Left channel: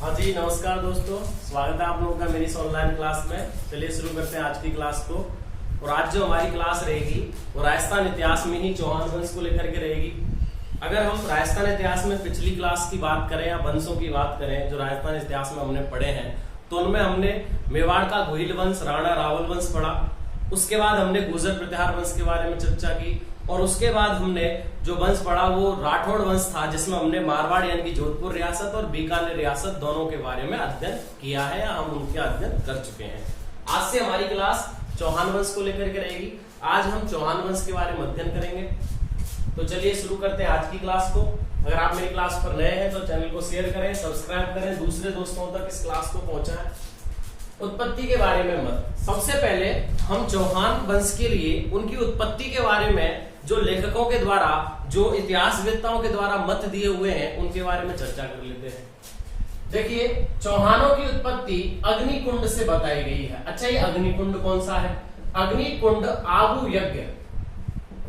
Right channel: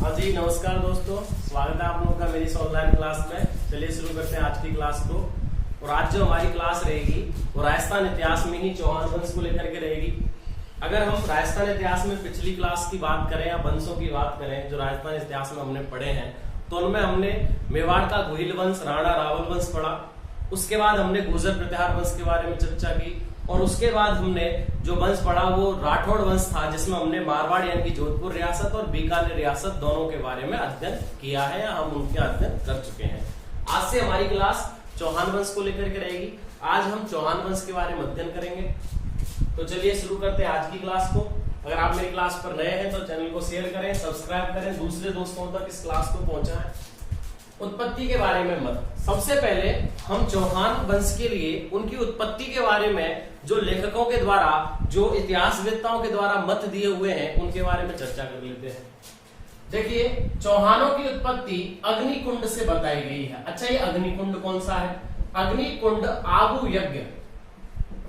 हाँ जी, नमस्कार दोस्तों, स्वागत है आप लोगों का मेरी इस ऑनलाइन क्लास में। चलिए शुरू करते हैं आज की क्लास को। और आज जो हमारी क्लास रहेगी वो राजस्थान इतिहास में ही चौहान वंश को लेकर के रहेगी। अगर हम राजस्थान इतिहास में पिछली क्लास की बात करें या वंशों की बात करें जो राजस्थान इतिहास में हमने पढ़े हैं, तो उनमें हमने मेवाड़ का गोहिल वंश, राणा रावल वंश पढ़ा। उसके बाद हमने गुर्जर प्रतिहार वंश के बारे में चर्चा की और उसके बाद हमने जो वंश पढ़ा वो राठौड़ वंश था, जिसमें हमने मारवाड़ यानी कि जोधपुर रियासत और बीकानेर रियासत दोनों के बारे में अध्ययन किया है या हम उनके अध्ययन कर चुके हैं। आज से हमारी क्लास चौहान वंश को लेकर के रहेगी। आज हम चौहान वंश के बारे में अध्ययन करेंगे। तो चलिए शुरू करते हैं आज की क्लास को। अगर आप मेरी क्लास पर नए हैं तो चैनल को शेयर करें, सब्सक्राइब करें, दूसरे दोस्तों तक इस क्लास को पहुंचाएं। उत्पत्ति के बारे में मत, सबसे पहले हम चौहान वंश के लिए उनकी उत्पत्ति के बारे में जो लेखकों के द्वारा, जो इतिहासवेत्ताओं के द्वारा मत दिए हुए हैं, उनके बारे में चर्चा कर लेते हैं। देखिए, चौहानों की उत्पत्ति अग्निकुंड से बताई गई है। अच्छा, ये अग्निकुंड कौन सा है? अग्निकुंड आबू यज्ञ,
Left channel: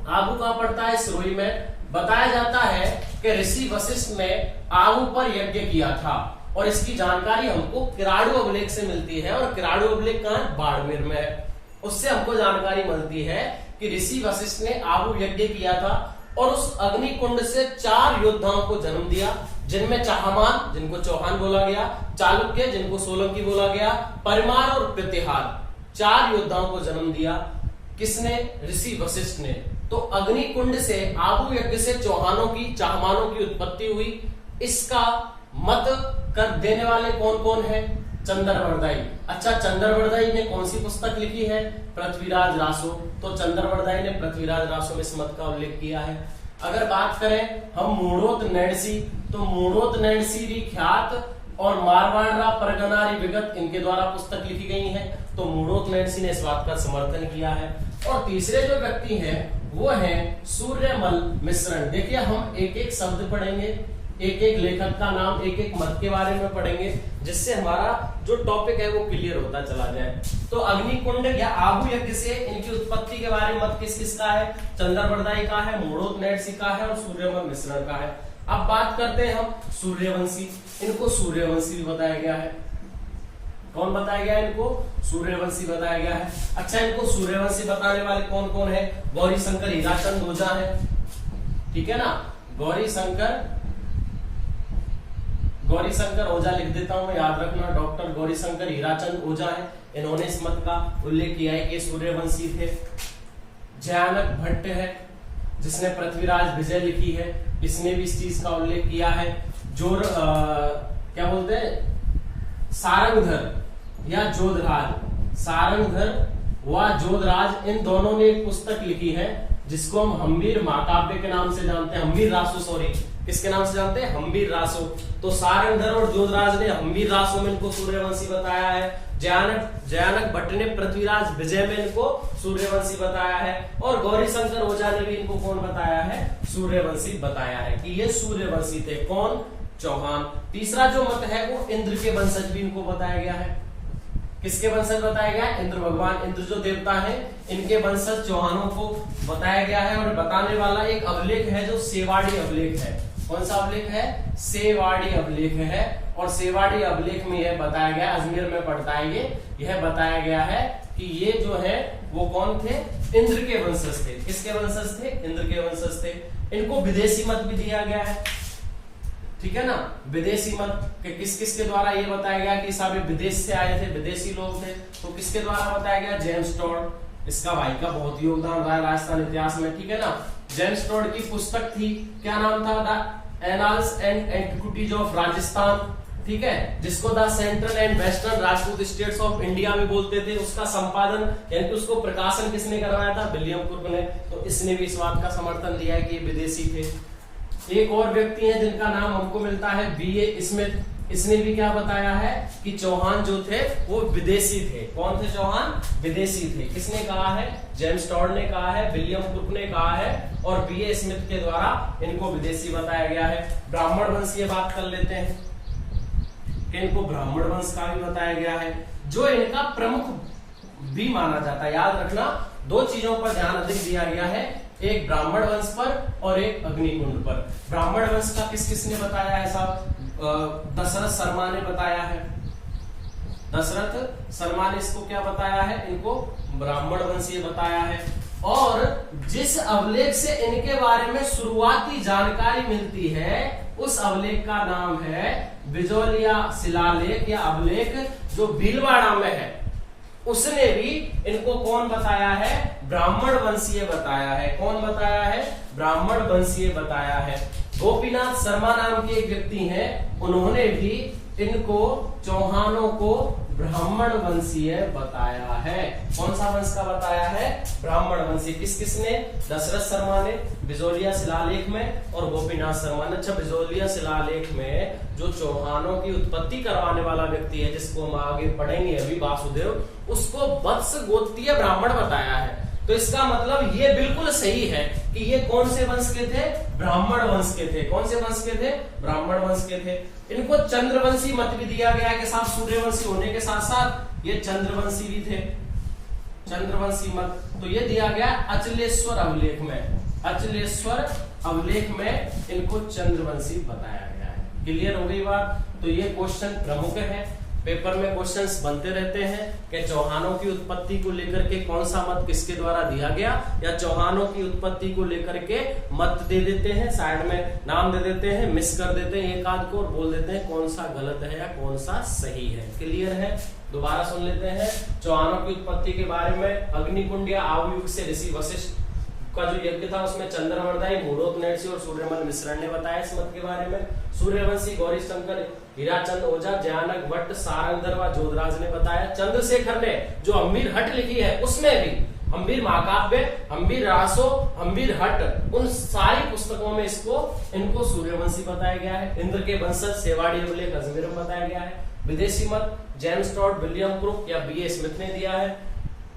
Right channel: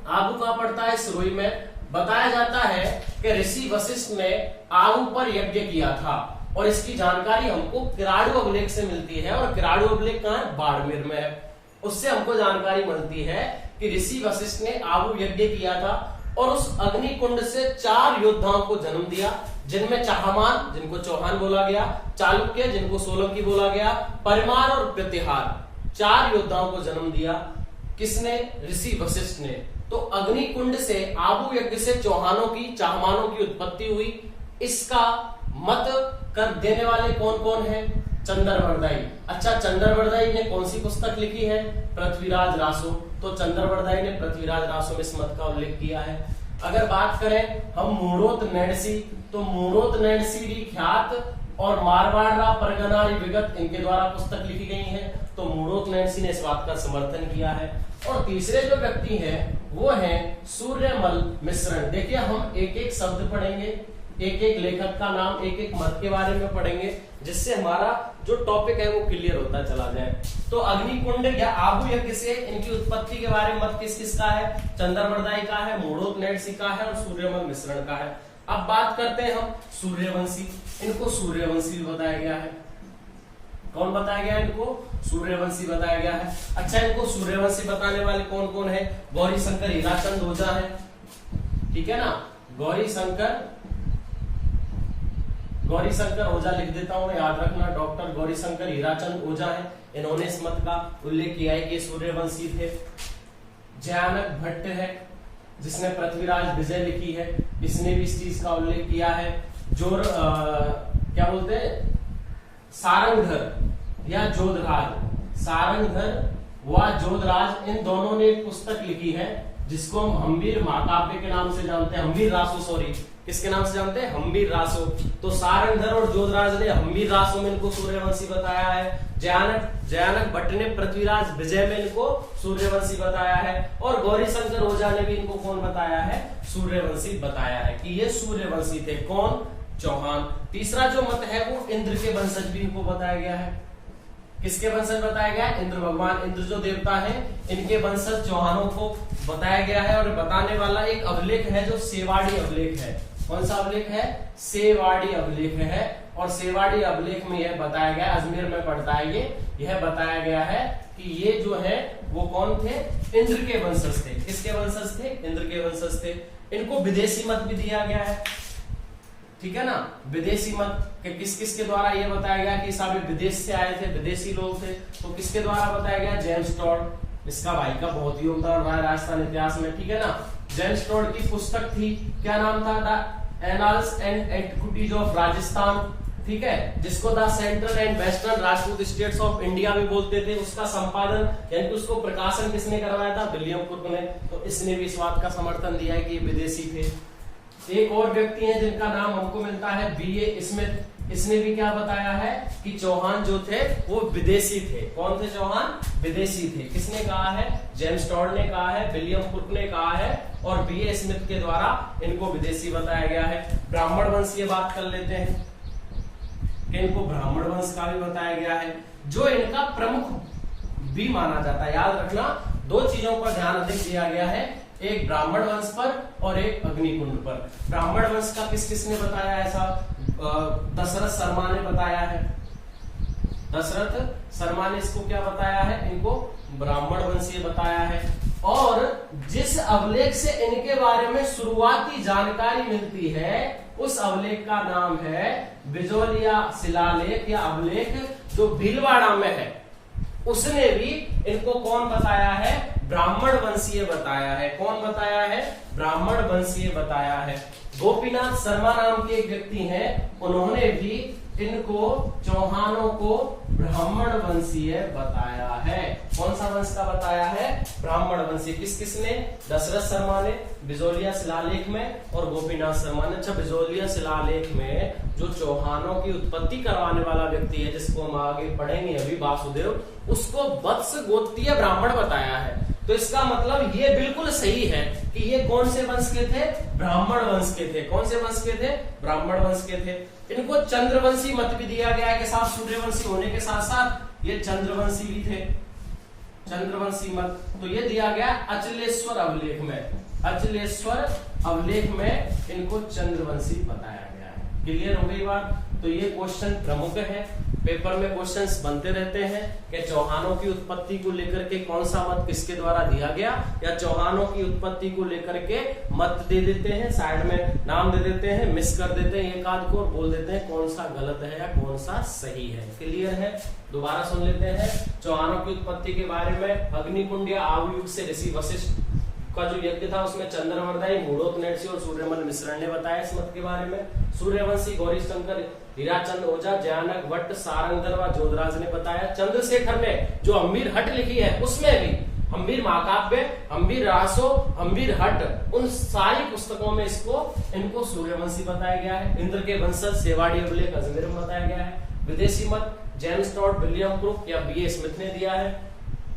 आबू कहां पड़ता है? सिरोही में। बताया जाता है कि ऋषि वशिष्ठ ने आबू पर यज्ञ किया था और इसकी जानकारी हमको किराड़ू अभिलेख से मिलती है। और किराड़ू अभिलेख कहां है? बाड़मेर में है। उससे हमको जानकारी मिलती है कि ऋषि वशिष्ठ ने आबू यज्ञ किया था और उस अग्निकुंड से 4 योद्धाओं को जन्म दिया, जिनमें चाहमान, जिनको चौहान बोला गया, चालुक्य, जिनको सोलंकी बोला गया, परमार और प्रतिहार, 4 योद्धाओं को जन्म दिया। किसने? ऋषि वशिष्ठ ने। तो अग्निकुंड से, आबू यज्ञ से चौहानों की, चाहमानों की उत्पत्ति हुई। इसका मत कर देने वाले कौन कौन है? चंद्रवरदाई। अच्छा, चंद्रवरदाई ने कौन सी पुस्तक लिखी है? पृथ्वीराज रासो। तो चंद्रवरदाई ने पृथ्वीराज रासो में इस मत का उल्लेख किया है। अगर बात करें हम मूढ़ोत नैणसी, तो मूढ़ोत नैणसी ख्यात और मारवाड़ा परगनारी विगत, इनके द्वारा पुस्तक लिखी गई है। तो मूढ़ोत नैणसी ने इस बात का समर्थन किया है। और तीसरे जो व्यक्ति हैं वो हैं सूर्यमल मिश्रण। देखिए, हम एक एक शब्द पढ़ेंगे, एक एक लेखक का नाम, एक एक मत के बारे में पढ़ेंगे, जिससे हमारा जो टॉपिक है वो क्लियर होता चला जाए। तो अग्निकुंड या आबू यज्ञ से इनकी उत्पत्ति के बारे में मत किस किसका है? चंद्रवरदाई का है, मूढ़ोत नैणसी का है और सूर्यमल मिश्रण का है। अब बात करते हैं हम सूर्यवंशी। इनको सूर्यवंशी भी बताया गया है। कौन बताया गया है? इनको सूर्यवंशी बताया गया है। अच्छा, इनको सूर्यवंशी बताने वाले कौन कौन है? गौरी शंकर हीराचंद ओझा है, ठीक है ना। गौरी शंकर ओझा लिख देता हूं, याद रखना, डॉक्टर गौरी शंकर हीराचंद ओझा है। इन्होंने इस मत का उल्लेख किया है कि सूर्यवंशी थे। जयानक भट्ट है, जिसने पृथ्वीराज विजय लिखी है, इसने भी इस चीज का उल्लेख किया है। क्या बोलते हैं, सारंगधर या जोधराज, सारंगधर व जोधराज, इन दोनों ने एक पुस्तक लिखी है जिसको हम हम्बीर महाकाव्य के नाम से जानते हैं। हम्बीर रासो, सॉरी, किसके नाम से जानते हैं? हम्बीर रासो। तो सारंगधर और जोधराज ने हम्बीर रासो में इनको सूर्यवंशी बताया है। जयानक भट्ट ने पृथ्वीराज विजय में इनको सूर्यवंशी बताया है। और गौरी शंकर ओझा ने भी इनको कौन बताया है? सूर्यवंशी बताया है कि ये सूर्यवंशी थे। कौन? चौहान। तीसरा जो मत है वो इंद्र के वंशज भी इनको बताया गया है। किसके वंशज बताया गया? इंद्र भगवान, इंद्र जो देवता है, इनके वंशज चौहानों को बताया गया है। और बताने वाला एक अभिलेख है जो सेवाड़ी अभिलेख है। कौन सा अभिलेख है? सेवाड़ी अभिलेख है। और सेवाड़ी अभिलेख में यह बताया गया, अजमेर में पड़ता है यह बताया गया है कि ये जो है वो कौन थे? इंद्र के वंशज थे। किसके वंशज थे? इंद्र के वंशज थे। इनको विदेशी मत भी दिया गया है, ठीक है ना। विदेशी मत किस किसके द्वारा ये बताया गया कि सारे विदेश से आए थे, विदेशी लोग थे। तो किसके द्वारा बताया गया? James Tod. इसका भाई का बहुत योगदान रहा है राजस्थान इतिहास में, ठीक है ना। जेम्स टॉड की पुस्तक थी, क्या नाम था? The annals and antiquities of Rajasthan, ठीक है, जिसको the central and western Rajput states of India भी बोलते थे। उसका संपादन यानी कि उसको प्रकाशन किसने करवाया था? विलियम कुर्क ने। तो इसने भी इस बात का समर्थन दिया है कि ये विदेशी थे। एक और व्यक्ति है जिनका नाम हमको मिलता है B.A. स्मिथ। इसने भी क्या बताया है कि चौहान जो थे वो विदेशी थे। कौन थे? चौहान विदेशी थे। किसने कहा है? जेम्स टॉड ने कहा है, विलियम कुक ने कहा है और B.A. स्मिथ के द्वारा इनको विदेशी बताया गया है। ब्राह्मण वंश की बात कर लेते हैं कि इनको ब्राह्मण वंश का भी बताया गया है, जो इनका प्रमुख भी माना जाता है। याद रखना, 2 चीजों पर ध्यान अधिक दिया गया है, एक ब्राह्मण वंश पर और एक अग्निकुंड पर। ब्राह्मण वंश का किस किसने बताया है साहब? दशरथ शर्मा ने बताया है। दशरथ शर्मा ने इसको क्या बताया है, इनको ब्राह्मण वंशीय बताया है। और जिस अभिलेख से इनके बारे में शुरुआती जानकारी मिलती है उस अभिलेख का नाम है बिजोलिया शिलालेख या अभिलेख, जो भीलवाड़ा में है। उसने भी इनको कौन बताया है, ब्राह्मण वंशीय बताया है। कौन बताया है, ब्राह्मण वंशीय बताया है। गोपीनाथ शर्मा नाम के एक व्यक्ति हैं, उन्होंने भी इनको चौहानों को ब्राह्मण वंशीय बताया है। कौन सा वंश का बताया है, ब्राह्मण वंशीय। किसने, दशरथ शर्मा ने बिजोलिया शिलालेख में और गोपीनाथ शर्मा ने। अच्छा, बिजोलिया शिलालेख में जो चौहानों की उत्पत्ति करवाने वाला व्यक्ति है, जिसको हम आगे पढ़ेंगे अभी, वासुदेव, उसको वत्स गोत्रीय ब्राह्मण बताया है। तो इसका मतलब ये बिल्कुल सही है कि ये कौन से वंश के थे, ब्राह्मण वंश के थे। कौन से वंश के थे, ब्राह्मण वंश के थे। इनको चंद्रवंशी मत भी दिया गया के साथ, सूर्यवंशी होने के साथ साथ ये चंद्रवंशी भी थे, चंद्रवंशी मत। तो ये दिया गया अचलेश्वर अभिलेख में। अचलेश्वर अभिलेख में इनको चंद्रवंशी बताया गया है। क्लियर हो गई बात। तो ये क्वेश्चन प्रमुख है, पेपर में क्वेश्चंस बनते रहते हैं कि चौहानों की उत्पत्ति को लेकर के कौन सा मत किसके द्वारा दिया गया, या चौहानों की उत्पत्ति को लेकर के मत दे देते हैं, साइड में नाम दे देते हैं, मिस कर देते हैं एक आध को और बोल देते हैं कौन सा गलत है या कौन सा सही है। क्लियर है, दोबारा सुन लेते हैं। चौहानों की उत्पत्ति के बारे में अग्निकुंड या आयुग से ऋषि वशिष्ठ का जो यज्ञ था उसमें चंद्रवर्दाई, मूढ़ोत्नैषी और सूर्यमल मिश्रण ने बताया इस मत के बारे में। सूर्यवंशी, गौरी शंकर, हीराचंद ओझा, जयानक भट्ट, सारंगधर व जोधराज ने बताया। चंद्रशेखर ने जो हम्बीर हट लिखी है उसमें भी हम्बीर महाकाव्य, हम्बीर रासो, हम्बीर हट, उन सारी पुस्तकों में इनको सूर्यवंशी बताया गया है। इंद्र के वंशज सेवाड़ी अभिलेख अजमेर में बताया गया है। विदेशी मत जेम्स टॉड, विलियम क्रुक या बी ए स्मिथ ने दिया है।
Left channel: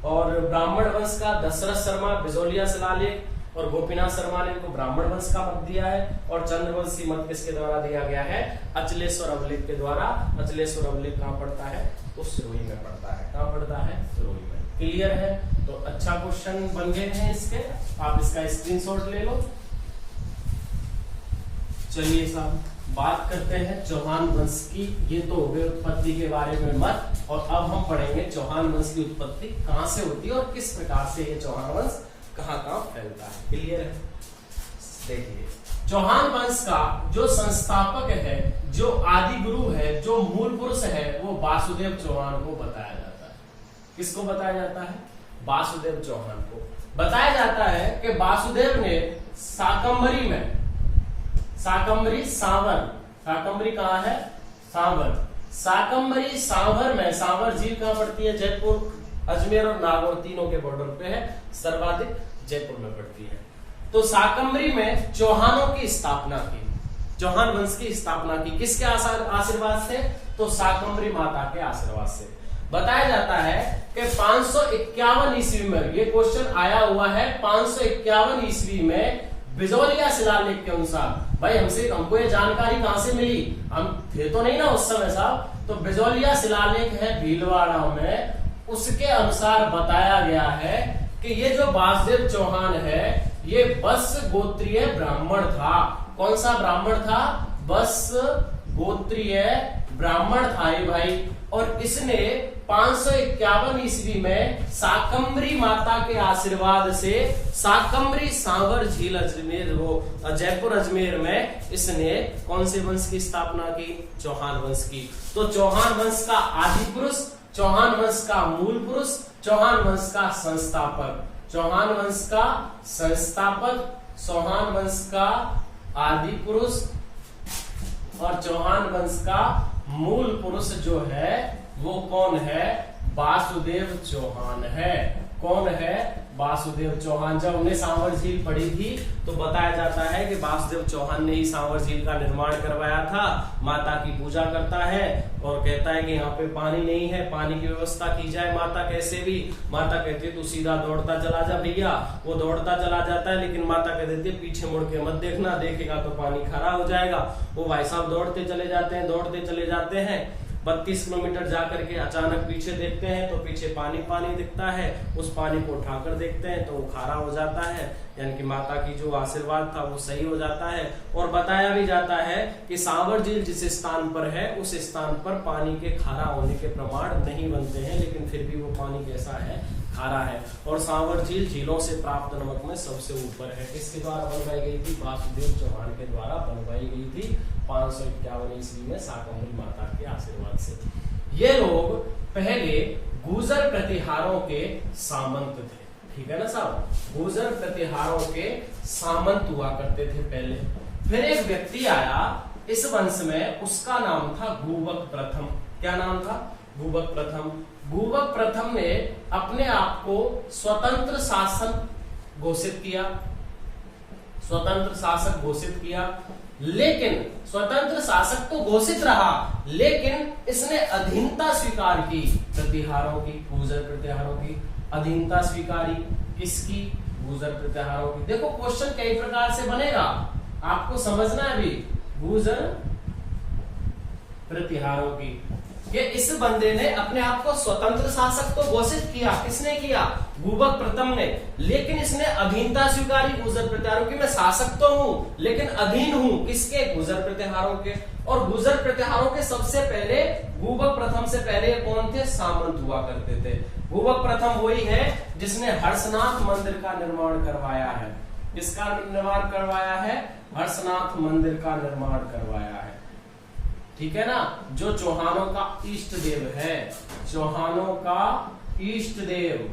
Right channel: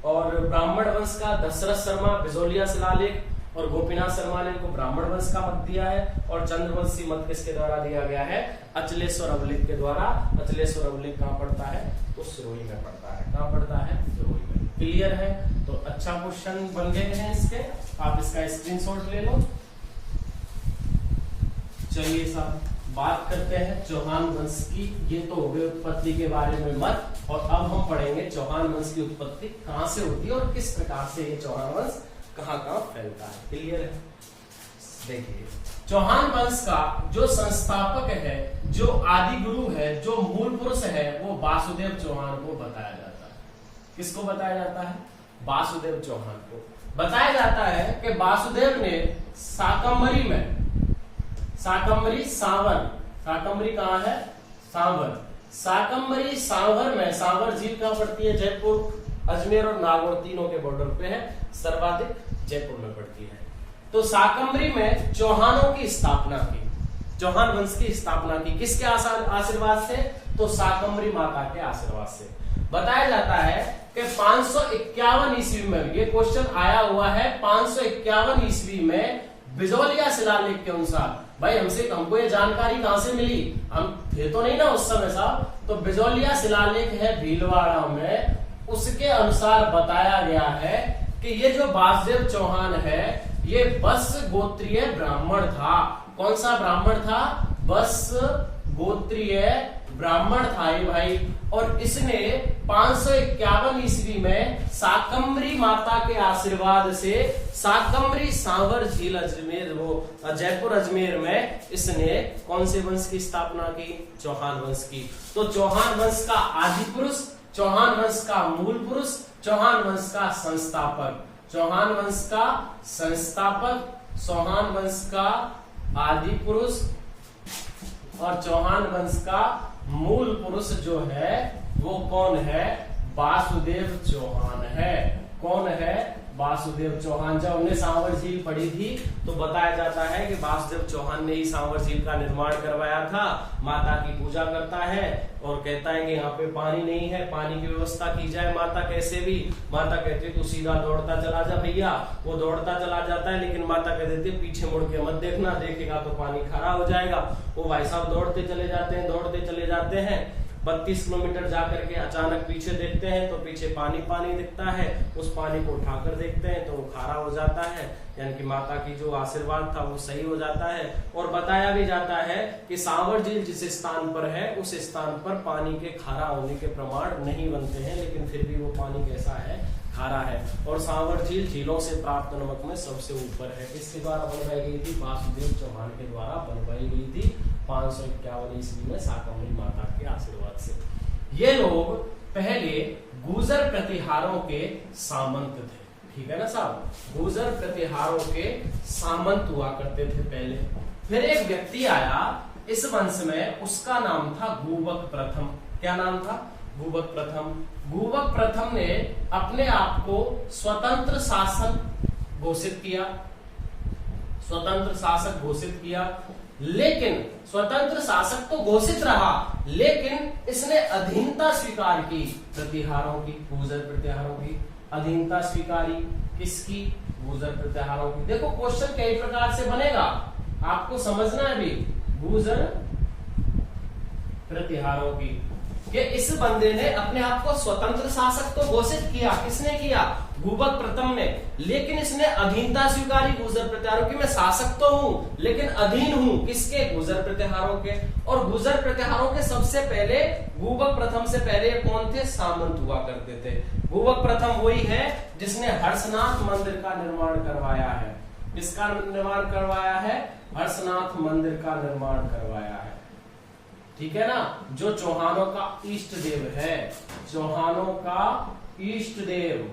और ब्राह्मण वंश का दशरथ शर्मा, बिजोलिया शिलालेख और गोपीनाथ शर्मा ने इनको ब्राह्मण वंश का मत दिया है। और चंद्रवंशी मत किसके द्वारा दिया गया है, अचलेश्वर अभिलेख के द्वारा। अचलेश्वर अभिलेख कहाँ पड़ता है, तो सिरोही में पड़ता है। कहाँ पड़ता है, सिरोही में। क्लियर है, तो अच्छा क्वेश्चन बन गए हैं इसके, आप इसका स्क्रीनशॉट ले लो। चलिए साहब, बात करते हैं चौहान वंश की। ये तो हो गए उत्पत्ति के बारे में मत, और अब हम पढ़ेंगे चौहान वंश की उत्पत्ति कहां से होती है और किस प्रकार से ये चौहान वंश कहां कहां फैलता है। क्लियर है, देखिए चौहान वंश का जो संस्थापक है, जो आदि गुरु है, जो मूल पुरुष है, वो वासुदेव चौहान को बताया जाता है। किसको बताया जाता है, वासुदेव चौहान को बताया जाता है कि वासुदेव ने शाकंभरी में, शाकंभरी सांवर, शाकंभरी कहाँ है, सांवर, शाकंभरी सांवर में, सांवर झील कहाँ पड़ती है, जयपुर, अजमेर और नागौर तीनों के बॉर्डर पे है, सर्वाधिक जयपुर में पड़ती है। तो शाकंभरी में चौहानों की स्थापना की, चौहान वंश की स्थापना की। किसके आशीर्वाद से, तो शाकंभरी माता के आशीर्वाद से। बताया जाता है कि 551 ईस्वी में, ये क्वेश्चन आया हुआ है 551 ईस्वी में बिजोलिया शिलालेख के अनुसार। भाई हमको ये जानकारी कहां से मिली, हम थे तो नहीं ना उस समय साहब। तो बिजोलिया शिलालेख है भीलवाड़ा में, उसके अनुसार बताया गया है कि ये जो वासुदेव चौहान है ये बस गोत्रीय ब्राह्मण था। कौन सा ब्राह्मण था, बस गोत्रीय ब्राह्मण था ये भाई। और इसने 551 ईस्वी में शाकंभरी माता के आशीर्वाद से शाकंभरी सांवर झील अजमेर, वो जयपुर अजमेर में इसने कौन से वंश की स्थापना की, चौहान वंश की। तो चौहान वंश का आदि पुरुष, चौहान वंश का मूल पुरुष, चौहान वंश का संस्थापक, चौहान वंश का संस्थापक, चौहान वंश का आदि पुरुष और चौहान वंश का मूल पुरुष जो है वो कौन है, वासुदेव चौहान है। कौन है, वासुदेव चौहान। जब हमने सांवर झील पढ़ी थी तो बताया जाता है कि वासुदेव चौहान ने ही सांवर झील का निर्माण करवाया था। माता की पूजा करता है और कहता है कि यहाँ पे पानी नहीं है, पानी की व्यवस्था की जाए। माता कैसे भी, माता कहती है तू सीधा दौड़ता चला जा भैया। वो दौड़ता चला जाता है, लेकिन माता कह देती है पीछे मुड़ के मत देखना, देखेगा तो पानी खरा हो जाएगा। वो भाई साहब दौड़ते चले जाते हैं, दौड़ते चले जाते हैं 32 किलोमीटर जाकर के अचानक पीछे देखते हैं तो पीछे पानी पानी दिखता है। उस पानी को उठाकर देखते हैं तो वो खारा हो जाता है, यानी कि माता की जो आशीर्वाद था वो सही हो जाता है। और बताया भी जाता है कि सांवर झील जिस स्थान पर है उस स्थान पर पानी के खारा होने के प्रमाण नहीं बनते हैं, लेकिन फिर भी वो पानी कैसा है, खारा है। और सांवर झील झीलों से प्राप्त नमक में सबसे ऊपर है। किसके द्वारा बनवाई गई थी? वासुदेव चौहान के द्वारा बनवाई गई थी 551 ईस्वी में शाकंभरी माता के आशीर्वाद से। ये लोग पहले गुर्जर प्रतिहारों के सामंत थे, ठीक है ना साहब, गुर्जर प्रतिहारों के सामंत हुआ करते थे पहले। फिर एक व्यक्ति आया इस वंश में, उसका नाम था गुबक प्रथम। क्या नाम था? गुबक प्रथम। गुबक प्रथम ने अपने आप को स्वतंत्र शासन घोषित किया, स्वतंत्र शासक घोषित किया। लेकिन स्वतंत्र शासक तो घोषित रहा, लेकिन इसने अधीनता स्वीकार की प्रतिहारों की, गुर्जर प्रतिहारों की अधीनता स्वीकारी। किसकी? गुर्जर प्रतिहारों की। देखो क्वेश्चन कई प्रकार से बनेगा, आपको समझना है भी। गुर्जर प्रतिहारों की कि इस बंदे ने अपने आप को स्वतंत्र शासक तो घोषित किया, किसने किया? गुबक प्रथम ने, लेकिन इसने अधीनता स्वीकारी गुर्जर प्रतिहारों की। मैं शासक तो हूं लेकिन अधीन हूं, किसके? गुर्जर प्रतिहारों के। और गुर्जर प्रतिहारों के सबसे पहले, गुबक प्रथम से पहले कौन थे? सामंत हुआ करते थे। गुबक प्रथम वही है जिसने हर्षनाथ मंदिर का निर्माण करवाया है। किसका निर्माण करवाया है? हर्षनाथ मंदिर का निर्माण करवाया है, ठीक है ना, जो चौहानों का इष्ट देव है। चौहानों का इष्ट देव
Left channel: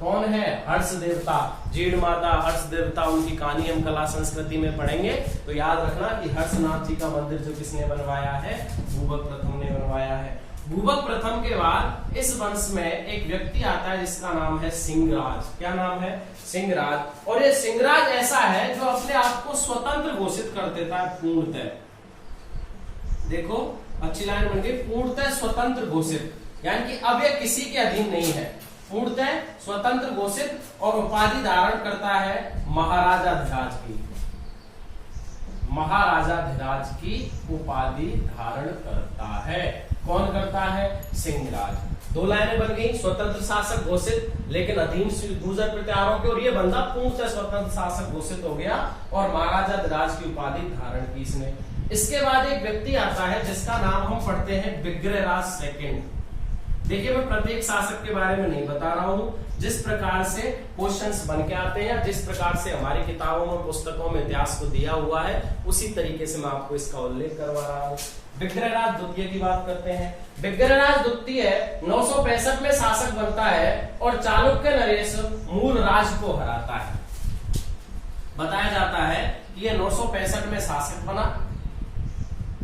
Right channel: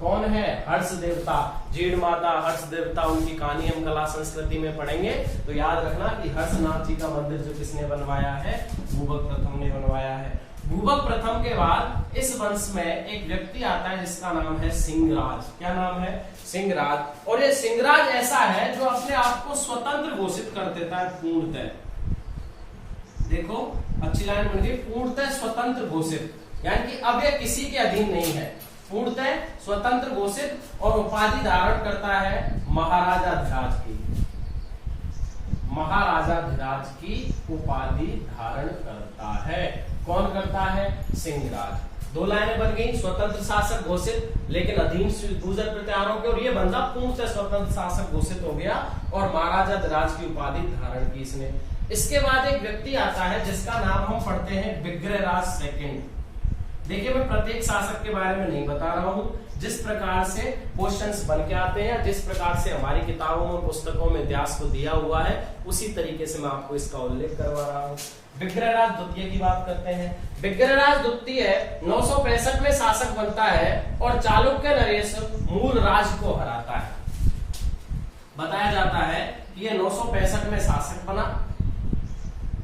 कौन है? हर्ष देवता, जीण माता, हर्ष देवता, उनकी कहानी हम कला संस्कृति में पढ़ेंगे। तो याद रखना कि हर्षनाथ जी का मंदिर जो किसने बनवाया है? गुबक प्रथम ने बनवाया है। गुबक प्रथम के बाद इस वंश में एक व्यक्ति आता है जिसका नाम है सिंहराज। क्या नाम है? सिंहराज। और ये सिंहराज ऐसा है जो अपने आप को स्वतंत्र घोषित कर देता है पूर्णतः। देखो अच्छी लाइन बन गई, पूर्णतः स्वतंत्र घोषित, यानी कि अब ये किसी के अधीन नहीं है, पूर्णतः स्वतंत्र घोषित। और उपाधि धारण करता है महाराजाधिराज की, महाराजाधिराज की उपाधि धारण करता है। कौन करता है? सिंहराज। दो लाइनें बन गई, स्वतंत्र शासक घोषित लेकिन अधीन गुर्जर प्रतिहारों के, और ये बंदा पूर्णतः स्वतंत्र शासक घोषित हो गया और महाराजाधिराज की उपाधि धारण की इसने। इसके बाद एक व्यक्ति आता है जिसका नाम हम पढ़ते हैं विग्रहराज सेकंड। देखिए मैं प्रत्येक शासक के बारे में नहीं बता रहा हूं, जिस प्रकार से क्वेश्चंस बन के आते हैं, जिस प्रकार से हमारी किताबों में, पुस्तकों में इतिहास को दिया हुआ है, उसी तरीके से मैं आपको इसका उल्लेख करवा रहा हूं। विग्रहराज द्वितीय की बात करते हैं। विग्रहराज द्वितीय 965 में शासक बनता है और चालुक्य नरेश मूल राज को हराता है। बताया जाता है कि ये 965 में शासक बना।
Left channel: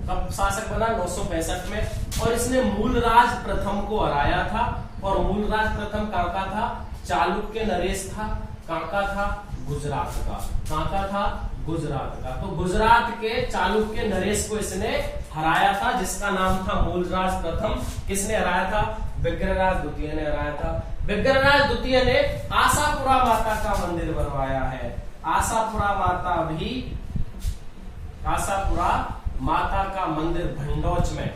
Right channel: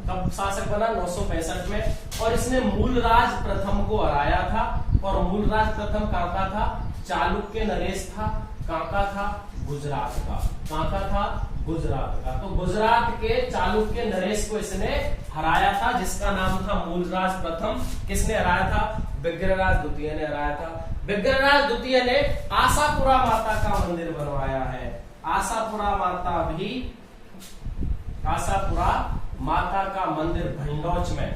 कब शासक बना? 965 में। और इसने मूलराज प्रथम को हराया था। और मूलराज प्रथम कहां का था? चालुक्य नरेश था। कहां का था? गुजरात का। कहां का था? गुजरात का। तो गुजरात के चालुक्य नरेश को इसने हराया था, जिसका नाम था मूलराज प्रथम। किसने हराया था? विग्रहराज द्वितीय ने हराया था। विग्रहराज द्वितीय ने आशापुरा माता का मंदिर बनवाया है। आशापुरा माता का मंदिर भंडौच में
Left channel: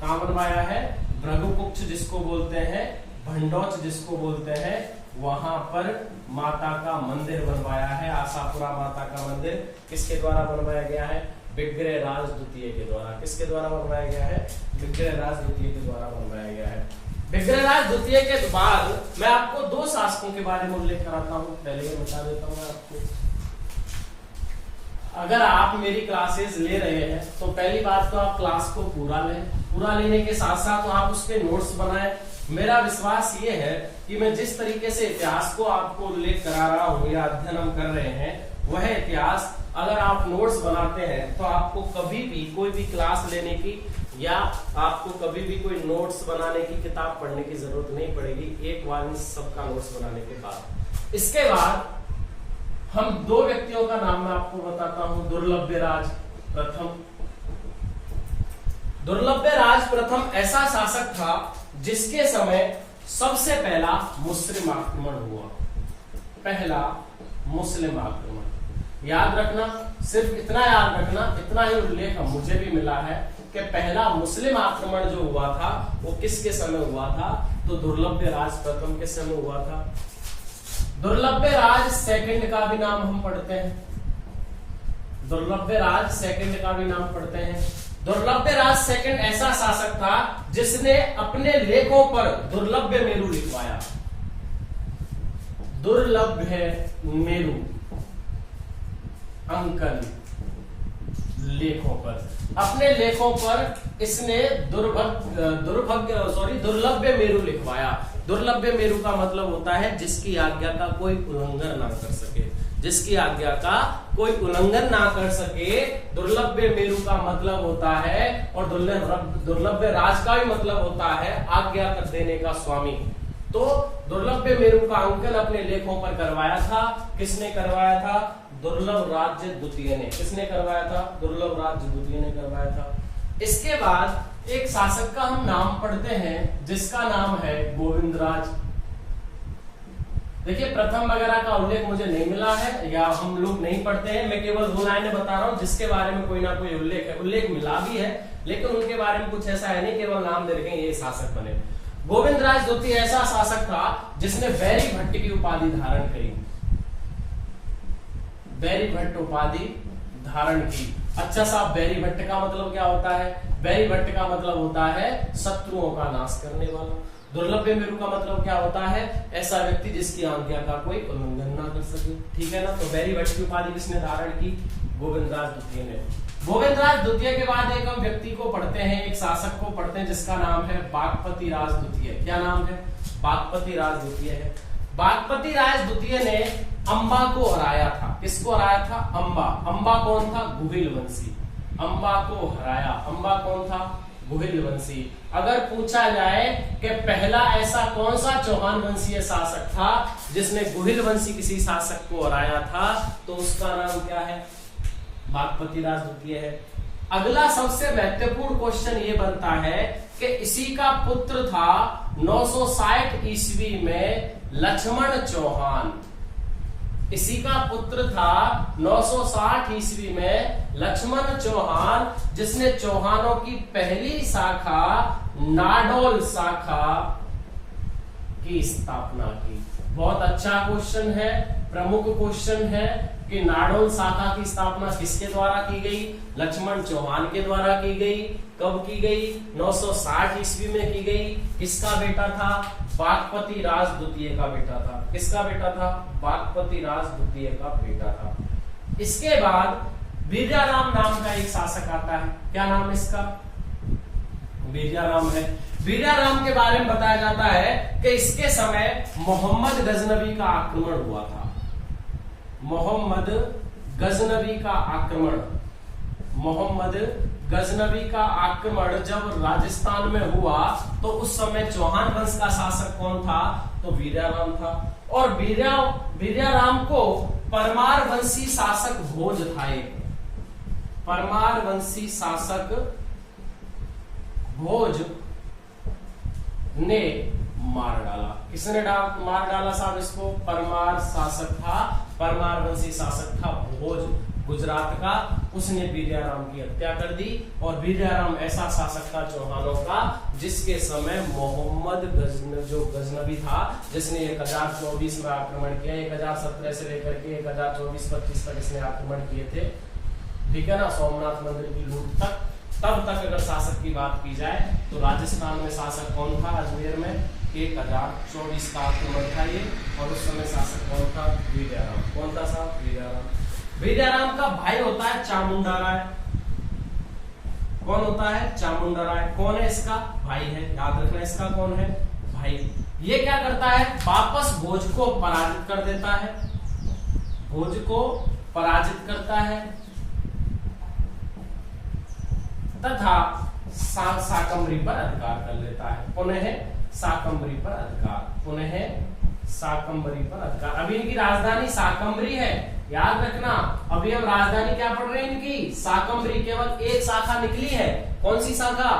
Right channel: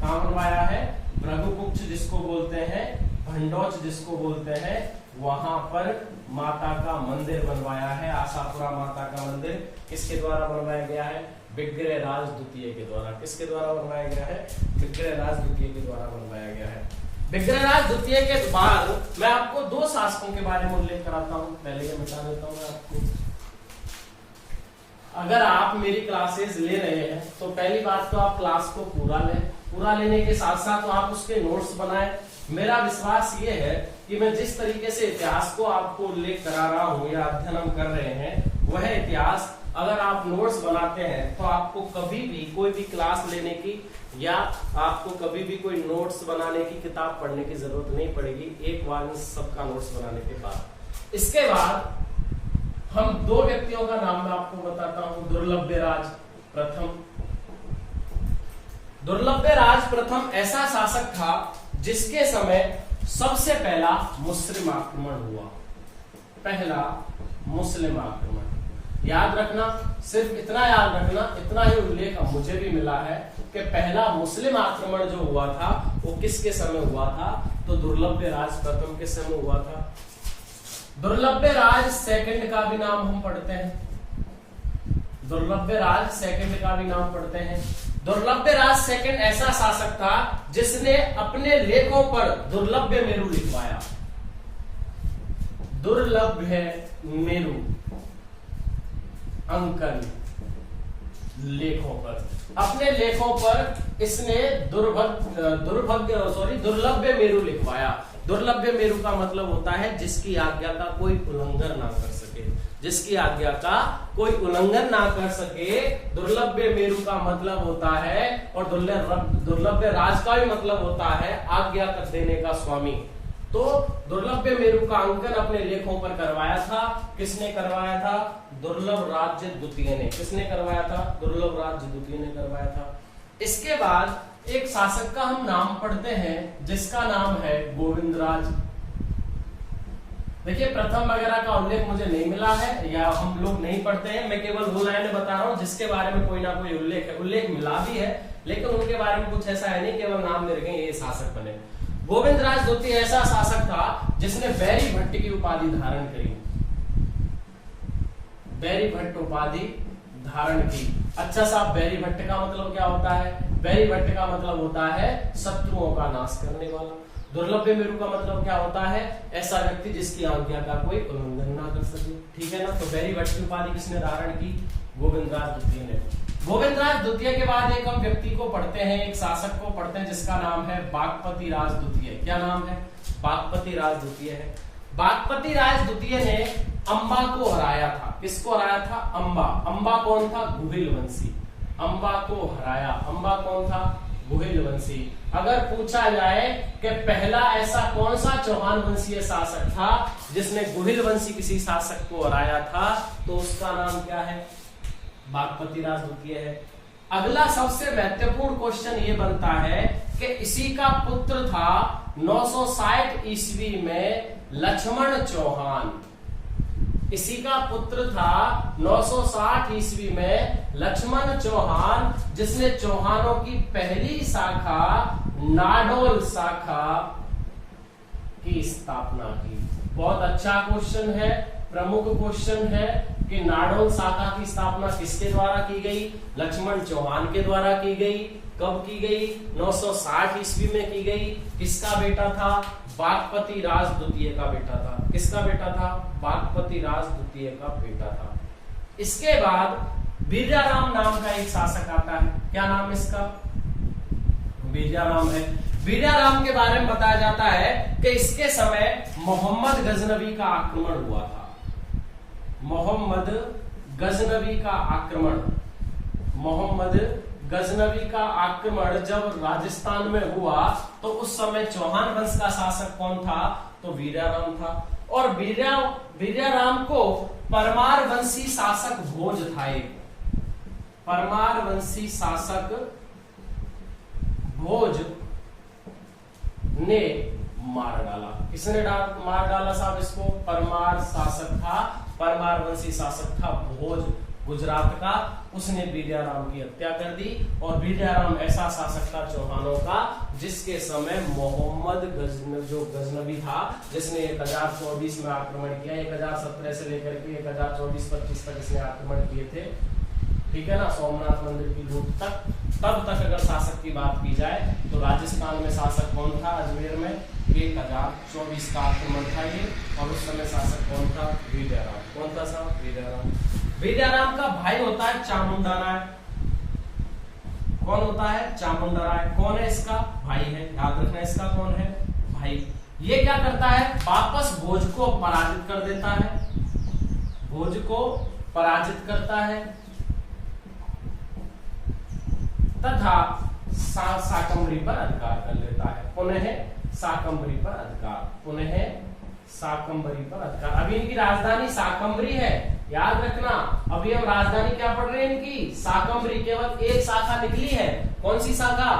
कहां बनवाया है? भृगुकुक्ष जिसको बोलते हैं, भंडौच जिसको बोलते हैं, वहां पर माता का मंदिर बनवाया है। आशापुरा माता का मंदिर किसके द्वारा बनवाया गया है? विग्रहराज द्वितीय के द्वारा। किसके द्वारा बनवाया गया है? विग्रहराज द्वितीय के द्वारा बनवाया गया है। विग्रहराज द्वितीय के बाद मैं आपको दो शासकों के बारे में उल्लेख कराता हूं। पहले ये बता देता हूं मैं आपको, अगर आप मेरी क्लासेस ले रहे हैं तो पहली बात तो आप क्लास को पूरा लें। पूरा लेने के साथ साथ तो आप उसके नोट्स बनाएं। मेरा विश्वास ये है कि मैं जिस तरीके से इतिहास को आपको उल्लेख करा रहा हूं या अध्ययन हम कर रहे हैं, वह इतिहास अगर आप नोट्स बनाते हैं तो आपको कभी भी कोई भी क्लास लेने की या आपको कभी भी कोई नोट्स बनाने की, किताब पढ़ने की जरूरत नहीं पड़ेगी एक बार में सबका नोट्स बनाने के बाद। इसके बाद हम दो व्यक्तियों का नाम मैं आपको बताता हूं। दुर्लभ्यराज प्रथम। दुर्लभ्यराज प्रथम ऐसा शासक था जिसके समय सबसे पहला मुस्लिम आक्रमण हुआ। पहला मुस्लिम आक्रमण याद रखना, सिर्फ इतना याद रखना, इतना ही उल्लेख मुझे भी मिला है कि पहला मुस्लिम आक्रमण जो हुआ था वो किसके समय हुआ था? तो दुर्लभ्य राज प्रथम के समय हुआ था। दुर्लभ्य राज सेकंड का भी नाम हम पढ़ते हैं, दुर्लभ्य राज सेकंड का भी नाम पढ़ते हैं। दुर्लभ्य राज सेकंड ऐसा शासक था जिसने अपने लेखों पर दुर्लभ्य मेरु लिखवाया। दुर्लभ्य मेरु अंकन लेखों पर, अपने लेखों पर इसने दुर्लभ्य मेरु लिखवाया। दुर्लभ्य मेरु का मतलब होता है जिसकी आज्ञा का कोई उल्लंघन ना कर सके, जिसकी आज्ञा का कोई उल्लंघन ना कर सके। दुर्लभ्य मेरु का मतलब होता है, और दुर्लभ्य राज का भी मतलब होता है आज्ञा कर देने का स्वामी। तो दुर्लभ्य मेरु का अंकन अपने लेखों पर करवाया था। किसने करवाया था? दुर्लभ राज्य द्वितीय ने। किसने करवाया था? दुर्लभ राज्य द्वितीय ने करवाया था। इसके बाद एक शासक का हम नाम पढ़ते हैं जिसका नाम है गोविंदराज। देखिए प्रथम वगैरह का उल्लेख मुझे नहीं मिला है या हम लोग नहीं पढ़ते हैं, मैं केवल वो लाइनें बता रहा हूं जिसके बारे में कोई ना कोई उल्लेख है। उल्लेख मिला भी है लेकिन उनके बारे में कुछ ऐसा है नहीं, केवल नाम दे रखे ये शासक बने। गोविंदराज द्वितीय ऐसा शासक था जिसने बैरी भट्ट की उपाधि धारण करी, बैरी भट्ट उपाधि धारण की। अच्छा साहब, बैरी भट्ट का मतलब क्या होता है? बैरी भट्ट का मतलब होता है शत्रुओं का नाश करने वाला। दुर्लभ्य मेरु का मतलब क्या होता है? ऐसा व्यक्ति जिसकी आज्ञा का कोई उल्लंघन ना कर सके। ठीक है ना? तो बैरी भट्ट की उपाधि किसने धारण की? गोविंदराज द्वितीय ने। गोविंदराज द्वितीय के बाद एक हम व्यक्ति को पढ़ते हैं, एक शासक को पढ़ते हैं जिसका नाम है बागपति राज द्वितीय। क्या नाम है? बागपति राज द्वितीय है। बागपति राज द्वितीय ने अंबा को हराया था। किसको हराया था? अंबा। अंबा कौन था? गुहिल वंशी। अंबा को हराया। अंबा कौन था? गुहिल वंशी। अगर पूछा जाए कि पहला ऐसा कौन सा चौहान वंशीय शासक था जिसने गुहिल वंशी किसी शासक को हराया था, तो उसका नाम क्या है? बागपति राज द्वितीय है। अगला सबसे महत्वपूर्ण क्वेश्चन ये बनता है कि इसी का पुत्र था 960 ईस्वी में लक्ष्मण चौहान। इसी का पुत्र था 960 ईस्वी में लक्ष्मण चौहान, जिसने चौहानों की पहली शाखा नाडोल शाखा की स्थापना की। बहुत अच्छा क्वेश्चन है, प्रमुख क्वेश्चन है कि नाडोल शाखा की स्थापना किसके द्वारा की गई? लक्ष्मण चौहान के द्वारा की गई। कब की गई? 960 ईस्वी में की गई। किसका बेटा था? बागपति राज द्वितीय का बेटा था। किसका बेटा था? बागपति राज द्वितीय का बेटा था। इसके बाद वीर्याराम नाम का एक शासक आता है। क्या नाम इसका? वीर्याराम है। वीर्याराम के बारे में बताया जाता है कि इसके समय मोहम्मद गजनवी का आक्रमण हुआ था। मोहम्मद गजनवी का आक्रमण, मोहम्मद गजनवी का आक्रमण जब राजस्थान में हुआ तो उस समय चौहान वंश का शासक कौन था? तो वीर्याराम था। और वीर्याराम को परमार वंशी शासक भोज था। एक परमार वंशी शासक भोज ने मार डाला। किसने मार डाला साहब इसको? परमार शासक था, परमार वंशी शासक था भोज, गुजरात का। उसने वीर्याराम की हत्या कर दी। और वीर्याराम ऐसा शासक था चौहानों का जिसके समय मोहम्मद गजनवी था, जिसने 1024 में आक्रमण किया। 1017 से लेकर के 1024-25 तक इसने आक्रमण किए थे। ठीक है ना? सोमनाथ मंदिर की लूट तक। तब तक अगर शासक की बात की जाए तो राजस्थान में शासक कौन था? अजमेर में 1024 का आक्रमण था ये। और उस समय शासक कौन था? वीर्याराम। कौन था साहब? वीर्याराम। वीर्याराम का भाई होता है चामुंडा राय। कौन होता है? चामुंडा राय। कौन है इसका? भाई है। याद रखना इसका कौन है? भाई। ये क्या करता है? वापस भोज को पराजित कर देता है। भोज को पराजित करता है तथा शाकंभरी पर अधिकार कर लेता है। पुनः शाकंभरी पर अधिकार, पुनः शाकंभरी पर अधिकार। अभी इनकी राजधानी शाकंभरी है, याद रखना। अभी हम राजधानी क्या पढ़ रहे हैं इनकी? शाकंभरी। केवल एक शाखा निकली है। कौन सी शाखा?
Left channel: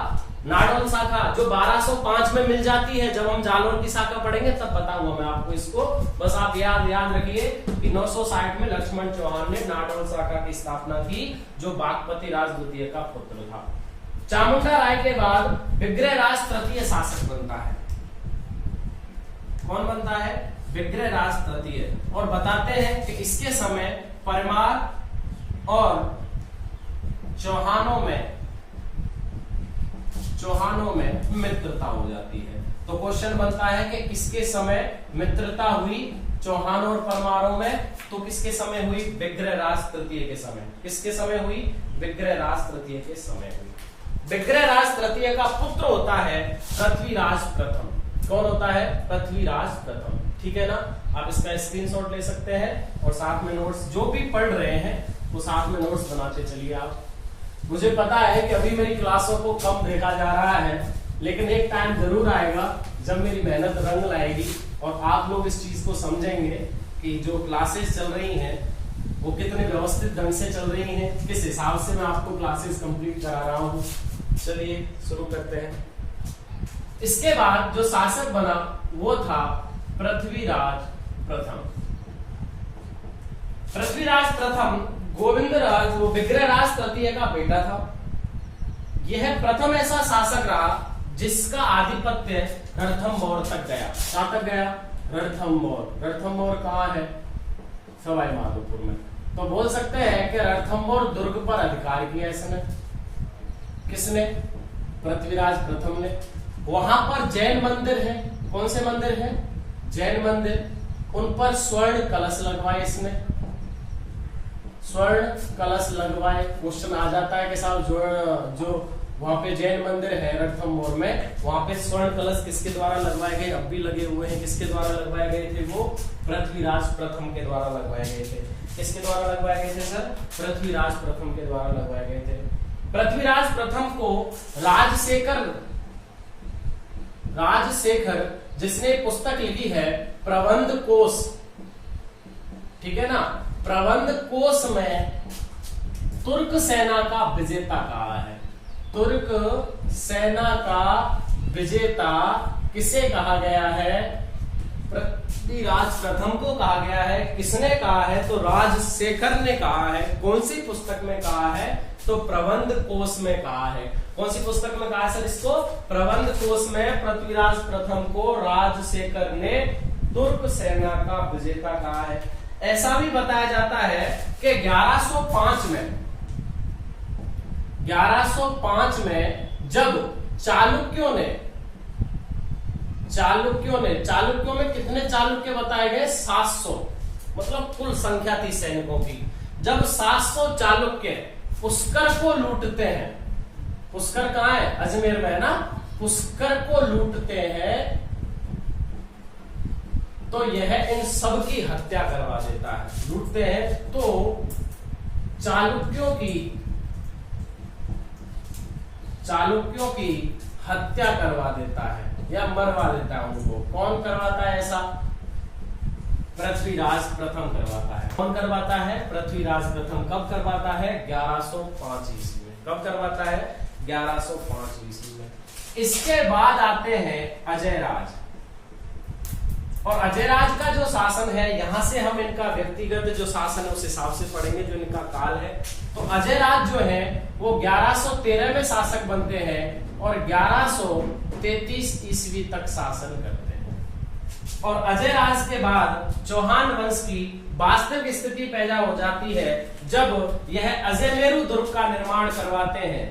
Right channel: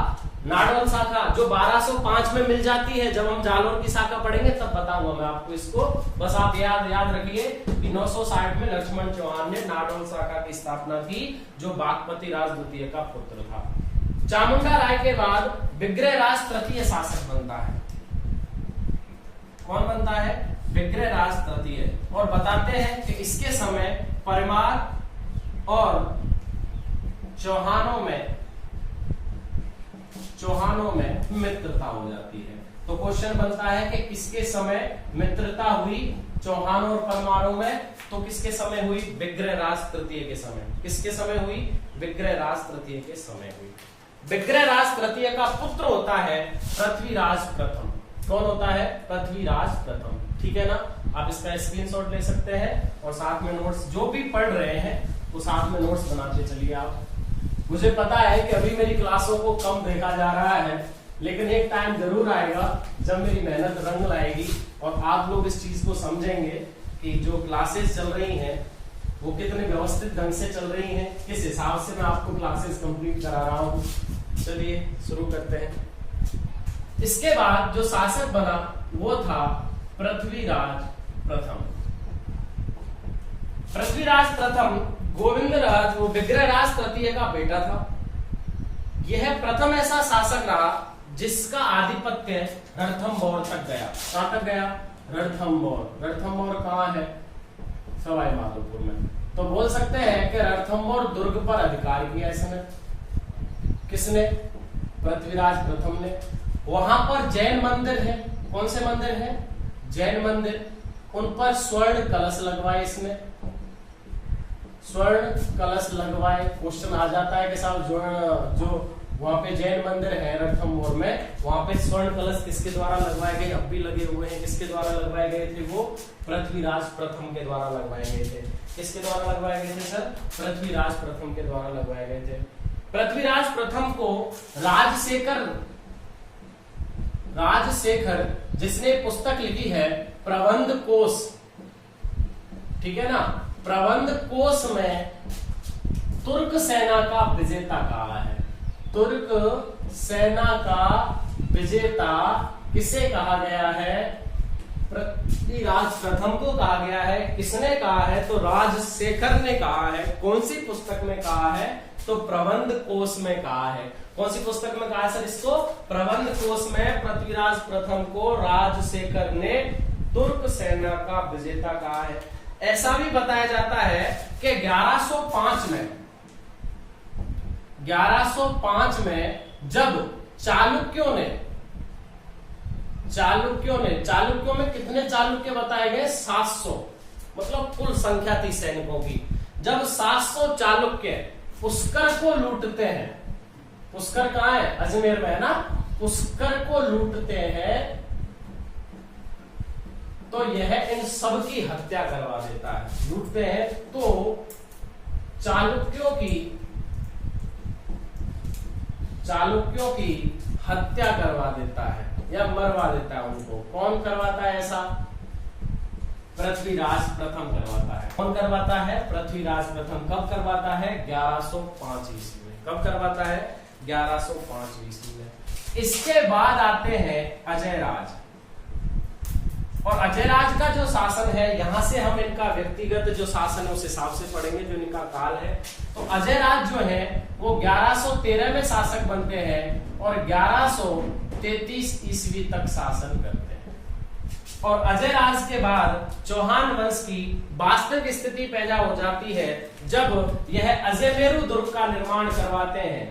नाडोल शाखा, जो 1205 में मिल जाती है। जब हम जालोर की शाखा पढ़ेंगे तब बताऊंगा मैं आपको इसको। बस आप याद रखिए कि 960 में लक्ष्मण चौहान ने नाडोल शाखा की स्थापना की, जो बागपति राज द्वितीय का पुत्र था। चामुंडा राय के बाद विग्रहराज तृतीय शासक बनता है। कौन बनता है? विग्रहराज तृतीय। और बताते हैं कि इसके समय परमार और चौहानों में मित्रता हो जाती है। तो क्वेश्चन बनता है कि किसके समय मित्रता हुई? चौहान और परमारों में। तो किसके समय हुई? विग्रहराज तृतीय के समय। किसके समय हुई? विग्रहराज तृतीय के समय हुई। विग्रहराज तृतीय का पुत्र होता है पृथ्वीराज प्रथम। कौन होता है? पृथ्वीराज प्रथम। ठीक है ना? आप इसका स्क्रीनशॉट ले सकते हैं और साथ में नोट्स, जो भी पढ़ रहे हैं वो साथ में नोट्स बनाते चलिए आप। मुझे पता है कि अभी मेरी क्लासों को कम देखा जा रहा है, लेकिन एक टाइम जरूर आएगा जब मेरी मेहनत रंग लाएगी और आप लोग इस चीज को समझेंगे कि जो क्लासेस चल रही हैं वो कितने व्यवस्थित ढंग से चल रही हैं, किस हिसाब से मैं आपको क्लासेस कंप्लीट करा रहा हूं। चलिए शुरू करते हैं। इसके बाद जो शासक बना वो था पृथ्वीराज प्रथम। पृथ्वीराज प्रथम गोविंदराज वो विग्रहराज तृतीय का बेटा था। यह प्रथम ऐसा शासक रहा जिसका आधिपत्य रणथंभौर तक गया। कहां तक गया? रणथंभौर। रणथंभौर कहां है? सवाई माधोपुर में। तो बोल सकते हैं कि रणथंभौर दुर्ग पर अधिकार किया इसने। किसने? पृथ्वीराज प्रथम ने। वहां पर जैन मंदिर है। कौन से मंदिर है? जैन मंदिर। उन पर स्वर्ण कलश लगवाए इसने। स्वर्ण कलश लगवाए। क्वेश्चन आ जाता है कि साहब जो वहां पे जैन मंदिर है रणथंभौर में, वहां पे स्वर्ण कलश किसके द्वारा लगवाए गए? अब भी लगे हुए हैं। किसके द्वारा लगवाए गए थे? वो पृथ्वीराज प्रथम के द्वारा लगवाए गए थे। किसके द्वारा लगवाए गए थे सर? पृथ्वीराज प्रथम के द्वारा लगवाए गए थे। पृथ्वीराज प्रथम को राजशेखर जिसने पुस्तक लिखी है प्रबंध कोश, ठीक है ना, प्रबंध कोश में तुर्क सेना का विजेता कहा है। तुर्क सेना का विजेता किसे कहा गया है? पृथ्वीराज प्रथम को कहा गया है। किसने कहा है? तो राजशेखर ने कहा है। कौन सी पुस्तक में कहा है? तो प्रबंध कोश में कहा है। कौन सी पुस्तक में कहा है सर इसको? प्रबंध कोश में पृथ्वीराज प्रथम को राजशेखर ने तुर्क सेना का विजेता कहा है। ऐसा भी बताया जाता है कि 1105 में जब चालुक्यों में कितने चालुक्य बताए गए? 700, मतलब कुल संख्या थी सैनिकों की। जब 700 चालुक्य पुष्कर को लूटते हैं, पुष्कर कहां है? अजमेर में है ना। पुष्कर को लूटते हैं तो यह इन सब की हत्या करवा देता है। लूटते हैं तो चालुक्यों की हत्या करवा देता है या मरवा देता है उनको। कौन करवाता है ऐसा? पृथ्वीराज प्रथम करवाता है। कौन करवाता है? पृथ्वीराज प्रथम। कब करवाता है? 1105 ईस्वी में। कब करवाता है? 1105 ईस्वी में। इसके बाद आते हैं अजयराज। और अजयराज का जो शासन है, यहां से हम इनका व्यक्तिगत जो शासन है उस हिसाब से पढ़ेंगे जो इनका काल है। तो अजयराज जो है वो 1113 में शासक बनते हैं और 1133 ईस्वी तक शासन करते हैं। और अजयराज के बाद चौहान वंश की वास्तविक स्थिति पैदा हो जाती है जब यह अजयमेरु दुर्ग का निर्माण करवाते हैं।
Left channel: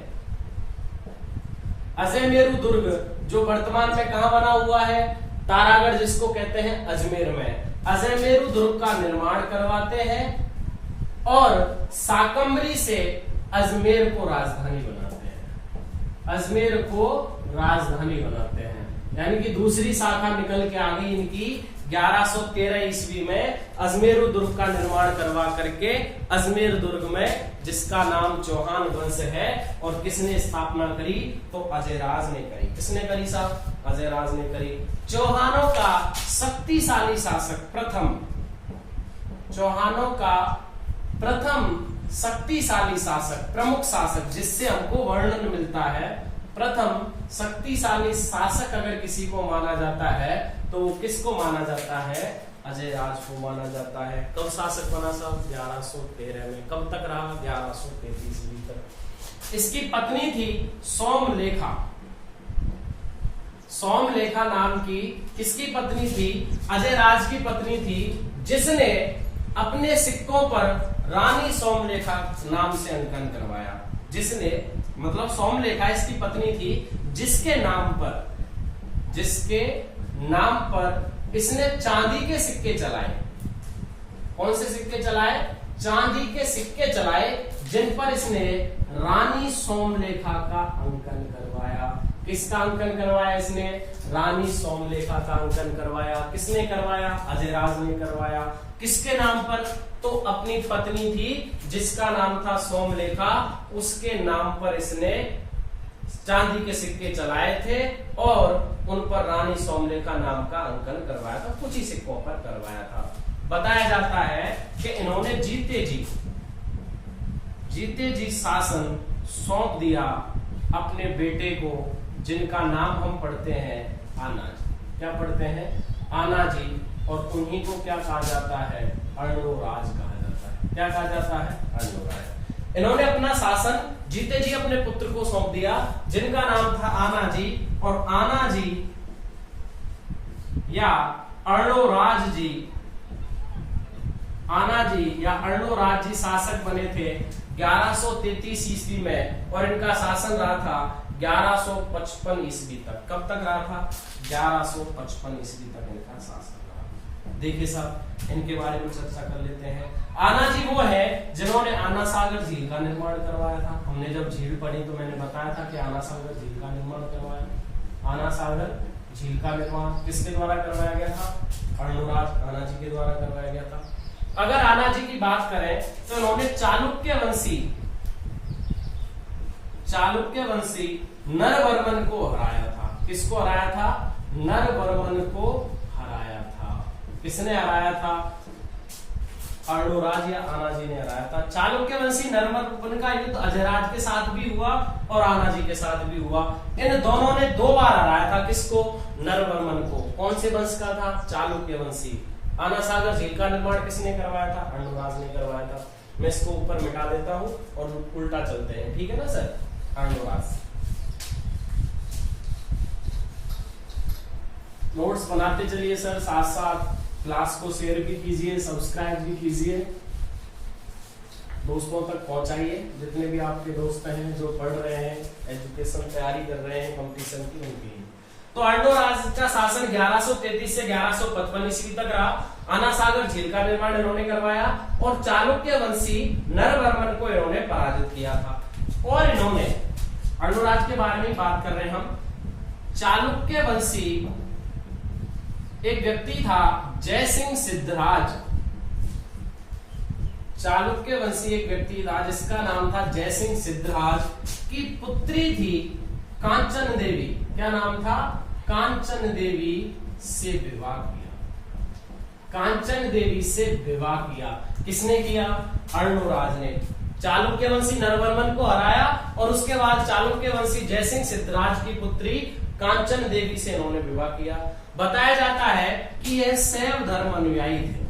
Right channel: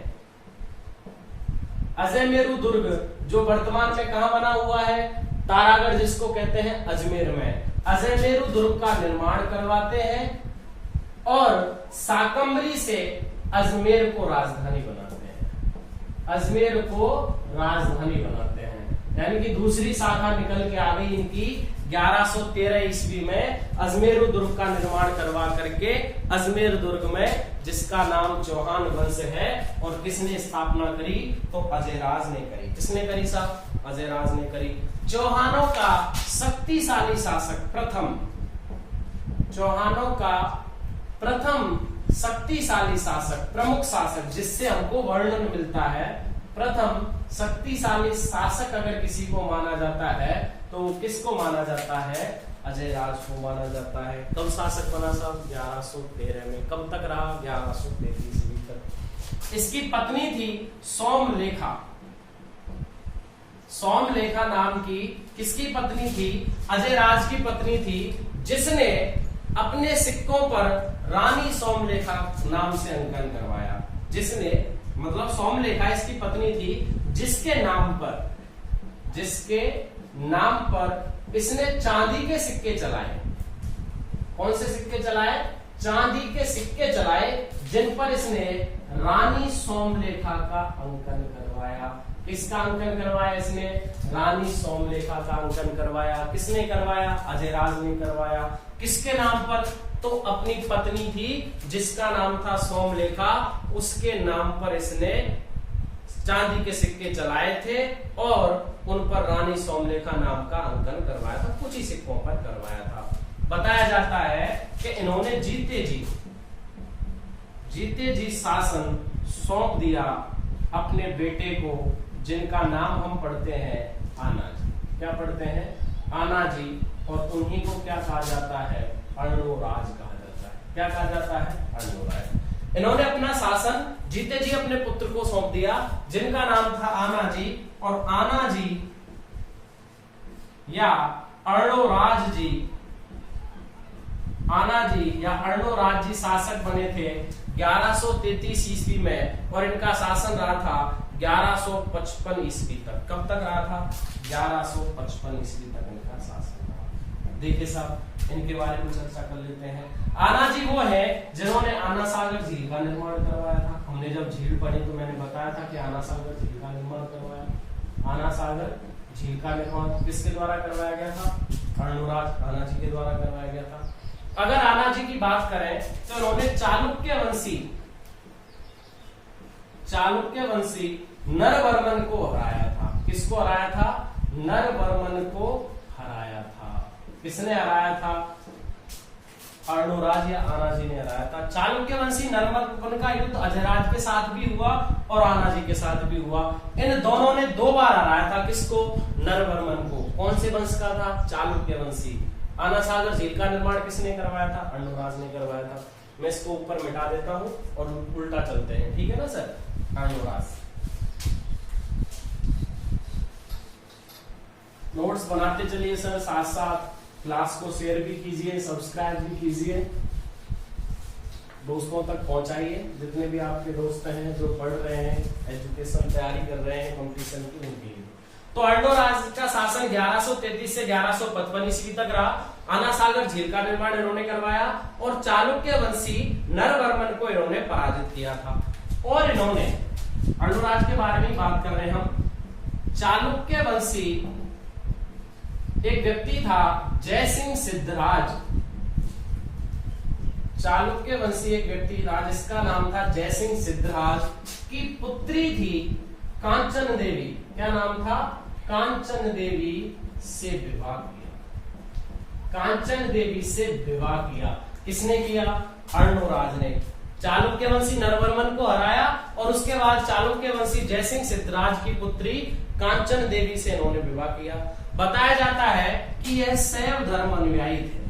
अजयमेरु दुर्ग जो वर्तमान में कहां बना हुआ है? तारागढ़, जिसको कहते हैं अजमेर में। अजयमेरु दुर्ग का निर्माण करवाते हैं और साकम्बरी से अजमेर को राजधानी बनाते हैं। अजमेर को राजधानी बनाते हैं, यानी कि दूसरी शाखा निकल के आ गई इनकी। 1113 ईस्वी में अजमेर दुर्ग का निर्माण करवा करके अजमेर दुर्ग में, जिसका नाम चौहान वंश है, और किसने स्थापना करी? तो अजयराज ने करी। किसने करी साहब? अजयराज ने करी। चौहानों का शक्तिशाली शासक प्रथम, चौहानों का प्रथम शक्तिशाली शासक, प्रमुख शासक, जिससे हमको वर्णन मिलता है। प्रथम शक्तिशाली शासक अगर किसी को माना जाता है तो किसको माना जाता है? अजयराज को माना जाता है। कब शासक बना साहब? 1113 में। कब तक रहा? 1133 तक। इसकी पत्नी थी सोमलेखा। सोमलेखा नाम की किसकी पत्नी थी? अजयराज की पत्नी थी, जिसने अपने सिक्कों पर रानी सोमलेखा नाम से अंकन करवाया। जिसने मतलब सोमलेखा इसकी पत्नी थी, जिसके नाम पर इसने चांदी के सिक्के चलाए। कौन से सिक्के चलाए? चांदी के सिक्के चलाए, जिन पर इसने रानी सोमलेखा का अंकन करवाया। किसका अंकन करवाया इसने? रानी सोमलेखा का अंकन करवाया। किसने करवाया? अजयराज ने करवाया। किसके नाम पर? तो अपनी पत्नी थी जिसका नाम था सोमलेखा, उसके नाम पर इसने चांदी के सिक्के चलाए थे और उन पर रानी सोमलेखा नाम का अंकन करवाया था। कुछ ही सिक्कों पर करवाया था। बताया जाता है कि इन्होंने जीते जी शासन सौंप दिया अपने बेटे को, जिनका नाम हम पढ़ते हैं आना जी। क्या पढ़ते हैं? आना जी। और उन्हीं को क्या कहा जाता है? अर्णोराज कहा जाता है। क्या कहा जाता है? अर्णोराज। इन्होंने अपना शासन जीते जी अपने पुत्र को सौंप दिया, जिनका नाम था आना जी। और आना जी या अर्णोराज जी, आना जी या अर्णोराज जी शासक बने थे 1133 ईस्वी में, और इनका शासन रहा था 1155 ईस्वी तक। कब तक रहा था? 1155 ईस्वी तक इनका शासन रहा। देखिए साहब, इनके बारे में चर्चा कर लेते हैं। आना जी वो है जिन्होंने आना सागर झील का निर्माण करवाया था। हमने जब झील पढ़ी तो मैंने बताया था कि आना सागर झील का निर्माण करवाया। आना सागर झील का निर्माण किसके द्वारा करवाया गया था? अर्णोराज आना जी के द्वारा करवाया गया था। अगर आना जी की बात करें तो इन्होंने चालुक्य वंशी नरवर्मन को हराया था। किसको हराया था? नरवर्मन को हराया था। किसने हराया था? अर्णोराज या आना जी ने हराया था। चालुक्य वंशी नरवर्मन का युद्ध अजयराज के साथ भी हुआ और आना जी के साथ भी हुआ। इन दोनों ने 2 बार हराया था। किसको? नरवर्मन को। कौन से वंश का था? चालुक्य वंशी। आना सागर झील का निर्माण किसने करवाया था? अर्णोराज ने करवाया था। मैं इसको ऊपर मिटा देता हूं और उल्टा चलते हैं, ठीक है ना सर? अर्णोराज। नोट्स बनाते चलिए सर, साथ साथ क्लास को शेयर भी कीजिए, सब्सक्राइब भी कीजिए, दोस्तों तक पहुंचाइए। जितने भी आपके दोस्त हैं जो पढ़ रहे हैं, एजुकेशन तैयारी कर रहे हैं कंपटीशन की, उनके लिए। तो अर्णोराज का शासन 1133 से 1155 ईस्वी तक रहा। आना सागर झील का निर्माण इन्होंने करवाया और चालुक्य वंशी नरवर्मन को इन्होंने पराजित किया था। और इन्होंने अर्णोराज के बारे में बात कर रहे हैं हम। चालुक्य वंशी एक व्यक्ति था जयसिंह सिद्धराज। चालुक्य वंशी एक व्यक्ति था जिसका नाम था जयसिंह सिद्धराज की पुत्री थी कांचन देवी। क्या नाम था? कांचन देवी से विवाह किया। कांचन देवी से विवाह किया। किसने किया? अर्णोराज ने। चालुक्य वंशी नरवर्मन को हराया और उसके बाद चालुक्य वंशी जयसिंह सिद्धराज की पुत्री कांचन देवी से इन्होंने विवाह किया। बताया जाता है कि यह शैव धर्म अनुयायी थे।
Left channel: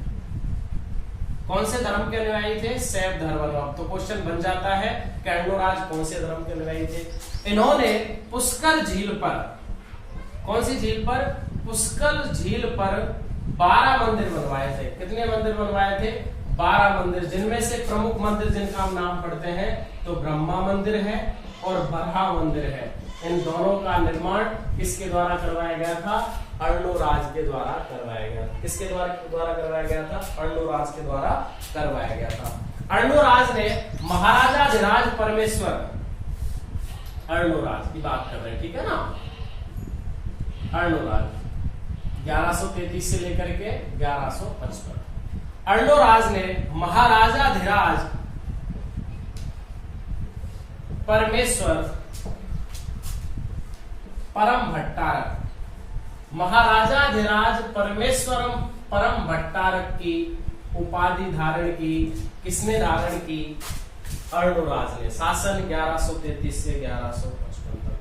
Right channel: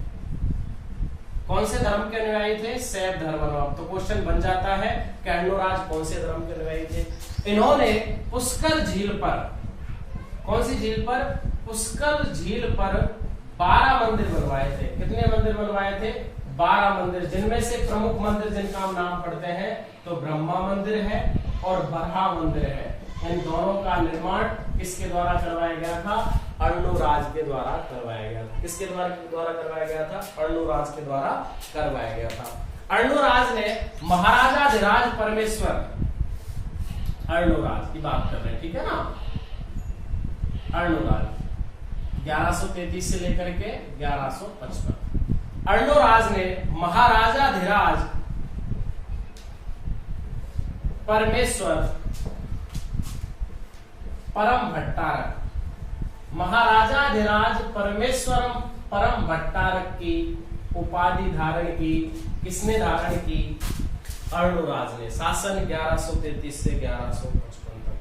कौन से धर्म के अनुयायी थे? शैव धर्म। तो क्वेश्चन बन जाता है कि अर्णोराज कौन से धर्म के अनुयायी थे? इन्होंने पुष्कर झील पर, कौन सी झील पर? पुष्कर झील पर 12 मंदिर बनवाए थे। कितने मंदिर बनवाए थे? 12 मंदिर, जिनमें से प्रमुख मंदिर जिनका हम नाम पढ़ते हैं तो ब्रह्मा मंदिर है और बरहा मंदिर है। इन दोनों का निर्माण किसके द्वारा करवाया गया था? अर्णोराज के द्वारा करवाया गया था। किसके द्वारा करवाया गया था? अर्णोराज के द्वारा करवाया गया था। अर्णोराज ने महाराजाधिराज परमेश्वर, अर्णोराज की बात कर रहे हैं, ठीक है ना? अर्णोराज 1133 से लेकर के 1155। अर्णोराज ने महाराजाधिराज परमेश्वर परम भट्टारक, महाराजाधिराज परमेश्वरम परम भट्टारक की उपाधि धारण की। किसने धारण की? अर्णोराज ने। शासन 1133 से 1155 तक।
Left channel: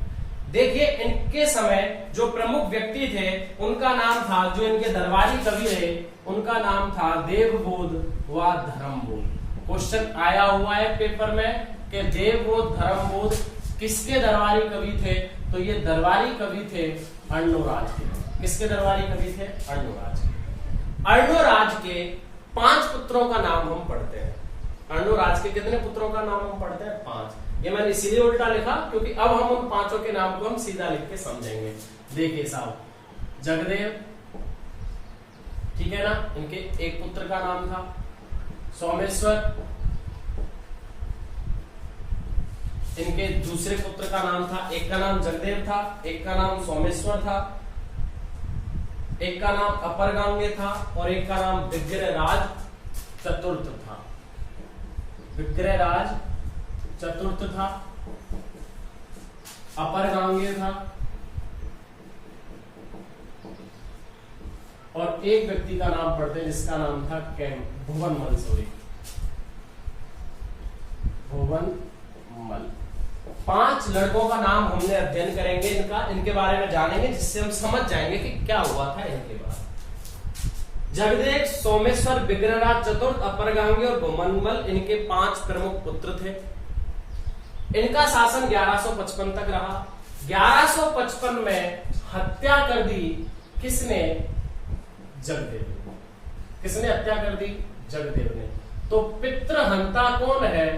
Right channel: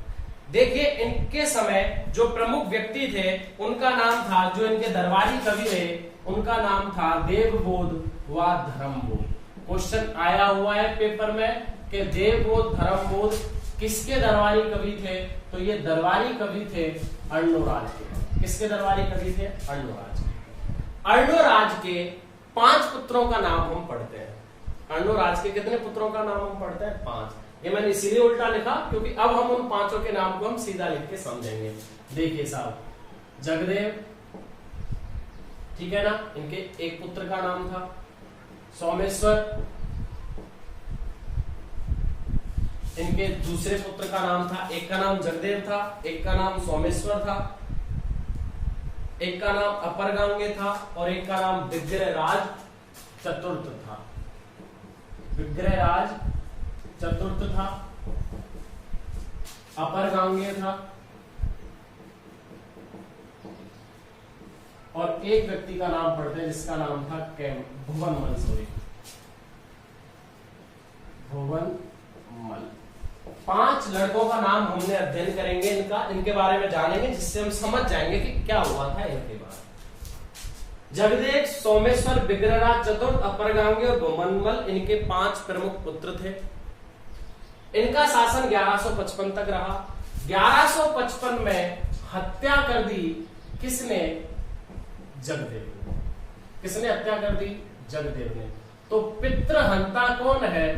देखिए, इनके समय जो प्रमुख व्यक्ति थे उनका नाम था, जो इनके दरबारी कवि रहे उनका नाम था देवबोध व धर्मबोध। क्वेश्चन आया हुआ है पेपर में कि देवबोध धर्मबोध किसके दरबारी कवि थे? तो ये दरबारी कवि थे अर्णोराज के। किसके दरबारी कवि थे? अर्णोराज के। अर्णोराज के 5 पुत्रों का नाम हम पढ़ते हैं। अर्णोराज के कितने पुत्रों का नाम हम पढ़ते हैं? 5। ये मैंने इसीलिए उल्टा लिखा क्योंकि अब हम उन 5 के नाम को हम सीधा लिख के समझेंगे। देखिए साहब, जगदेव, ठीक है ना, इनके एक पुत्र का नाम था सोमेश्वर, इनके दूसरे पुत्र का नाम था, एक का नाम जगदेव था, एक का नाम सोमेश्वर था, एक का नाम अपरगांगे था और एक का नाम विग्रहराज चतुर्थ था। विग्रहराज चतुर्थ था, अपरगांगे था और एक व्यक्ति का नाम पढ़ते हैं जिसका नाम था भुवनमल। सॉरी, भुवनमल। 5 लड़कों का नाम हमने अध्ययन करेंगे, इनके बारे में जानेंगे, जिससे हम समझ जाएंगे कि क्या हुआ था इनके बाद। जगदेव, सोमेश्वर, विग्रहराज चतुर्थ, अपरगांगे और भुवनमल इनके 5 प्रमुख पुत्र थे। इनका शासन 1155 तक रहा। 1155 में हत्या कर दी किसने? जगदेव ने। किसने हत्या कर दी? जगदेव ने। तो पितृहंता कौन है?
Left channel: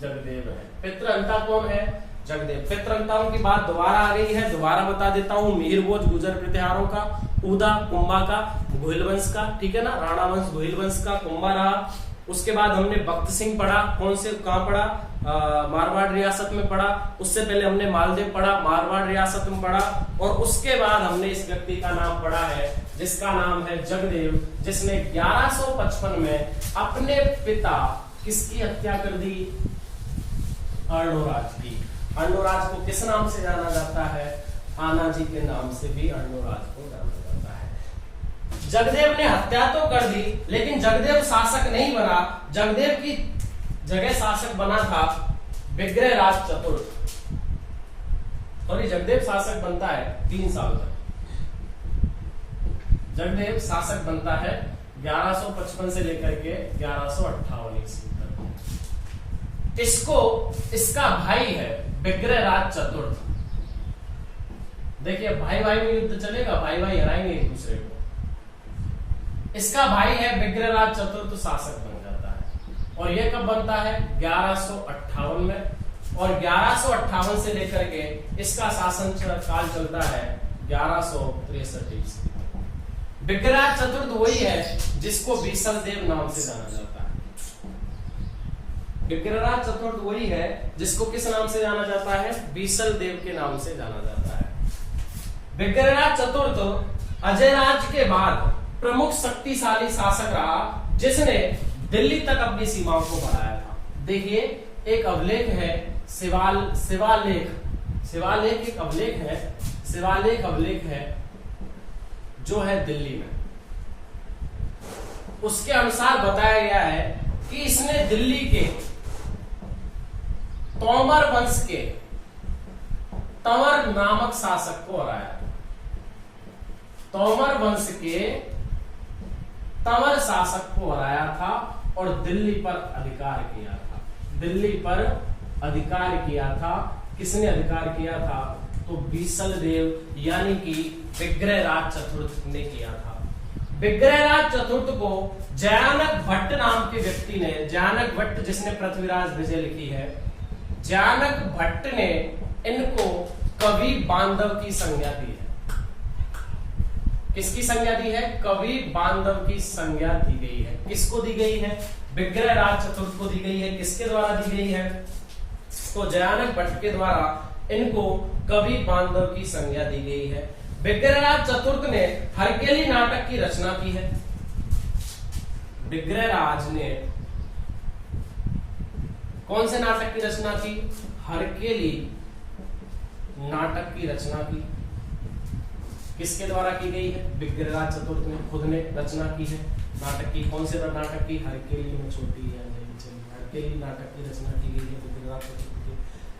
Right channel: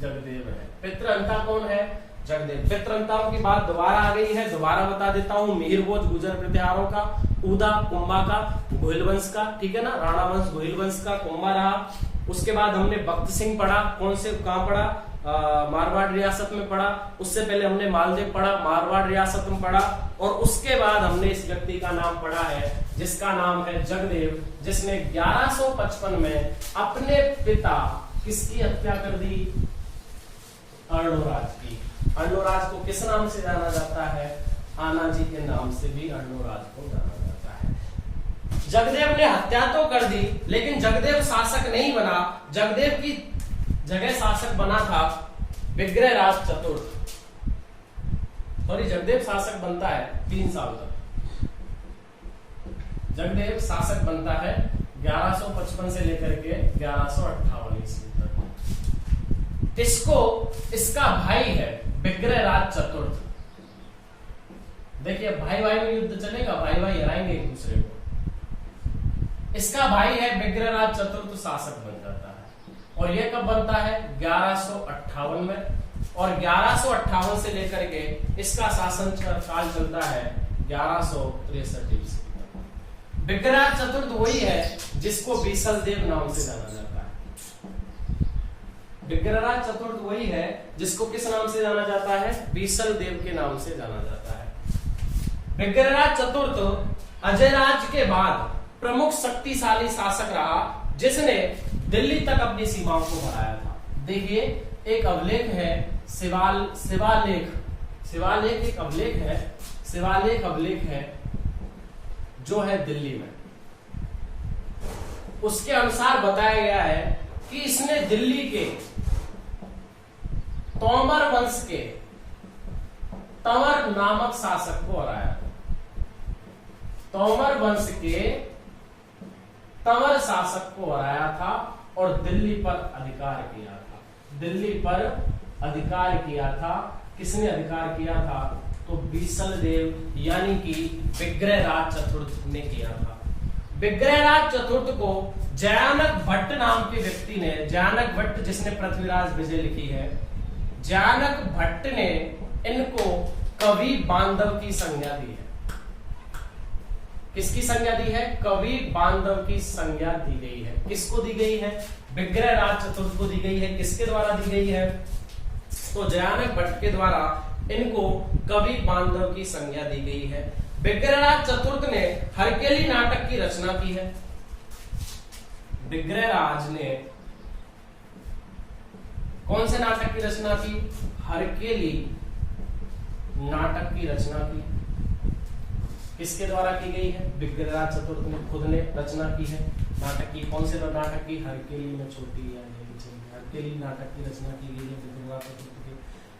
जगदेव है। पितृहंता कौन है? जगदेव। पितृहंताओं की बात दोबारा आ गई है, दोबारा बता देता हूं। मिहिरभोज गुर्जर प्रतिहारों का, उदा कुंभा का, गोहिल वंश का, ठीक है ना, राणा वंश गोहिल वंश का, कुंभा रहा। उसके बाद हमने भक्त सिंह पढ़ा। कौन से, कहां पढ़ा? मारवाड़ रियासत में पढ़ा। उससे पहले हमने मालदेव पढ़ा, मारवाड़ रियासत में पढ़ा। और उसके बाद हमने इस व्यक्ति का नाम पढ़ा है जिसका नाम है जगदेव, जिसने 1155 में अपने पिता किसकी हत्या कर दी? अर्णोराज की। अर्णोराज को किस नाम से जाना जाता है? आनाजी के नाम से भी अर्णोराज को जाना जाता है। जगदेव ने हत्या तो कर दी, लेकिन जगदेव शासक नहीं बना। जगदेव की जगह शासक बना था विग्रहराज चतुर्थ। सॉरी, जगदेव शासक बनता है 3 साल तक। जगदेव शासक बनता है 1155 से लेकर के 1158 ईस्वी तक। इसका भाई है विग्रहराज चतुर्थ। देखिए, भाई भाई में युद्ध चलेगा, भाई भाई हराएंगे एक दूसरे को। इसका भाई है विग्रहराज चतुर्थ, शासक बन जाता है। और यह कब बनता है? 1158 में। और 1158 से लेकर के इसका शासन काल चलता है 1163 ईस्वी। विग्रहराज चतुर्थ वही है जिसको बीसल देव नाम से जाना जाता है। विग्रहराज चतुर्थ वही है जिसको किस नाम से जाना जाता है? बीसल देव के नाम से जाना जाता है। विग्रहराज चतुर्थ अजयराज के बाद प्रमुख शक्तिशाली शासक रहा, जिसने दिल्ली तक अपनी सीमाओं को बढ़ाया था। देखिए, एक अभिलेख है शिवालेख अभिलेख है जो है दिल्ली में। उसके अनुसार बताया गया है कि इसने दिल्ली के तोमर वंश के तंवर नामक शासक को हराया। तोमर वंश के तंवर शासक को हराया था और दिल्ली पर अधिकार किया था। दिल्ली पर अधिकार किया था। किसने अधिकार किया था? तो बीसल देव यानी कि विग्रहराज चतुर्थ ने किया था। विग्रहराज चतुर्थ को जयानक भट्ट नाम के व्यक्ति ने, जयानक भट्ट जिसने पृथ्वीराज विजय लिखी है, जयानक भट्ट ने इनको कवि बांधव की संज्ञा दी है। किसकी संज्ञा दी है? कवि बांधव की संज्ञा दी गई है। किसको दी गई है? विग्रहराज चतुर्थ को दी गई है। किसके द्वारा दी गई है? तो जयानक भट्ट के द्वारा इनको कवि बांधव की संज्ञा दी गई है। विग्रहराज चतुर्थ ने हरकेली नाटक की रचना की है। विग्रहराज ने कौन से नाटक की रचना की? हरकेली नाटक की रचना की। किसके द्वारा की गई है? विग्रहराज चतुर्थ ने खुद ने रचना की है नाटक की। कौन से नाटक की? हरकेली में छोटी है, हरकेली नाटक की रचना की गई है विग्रहराज चतुर्थ की।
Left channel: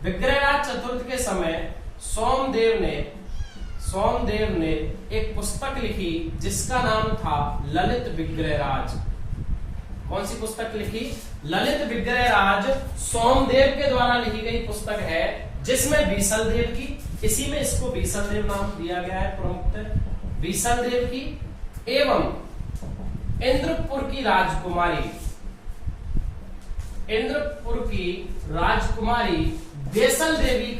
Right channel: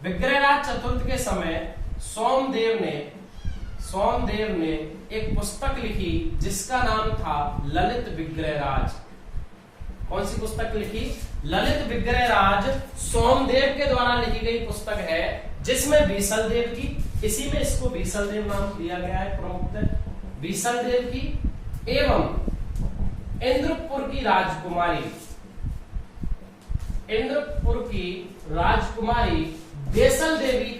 विग्रहराज चतुर्थ के समय सोमदेव ने एक पुस्तक लिखी जिसका नाम था ललित विग्रहराज। कौन सी पुस्तक लिखी? ललित विग्रहराज सोमदेव के द्वारा लिखी गई पुस्तक है, जिसमें बीसल देव की, इसी में इसको बीसल देव नाम दिया गया है प्रमुख, बीसल देव की एवं इंद्रपुर की राजकुमारी, इंद्रपुर की राजकुमारी देसल देवी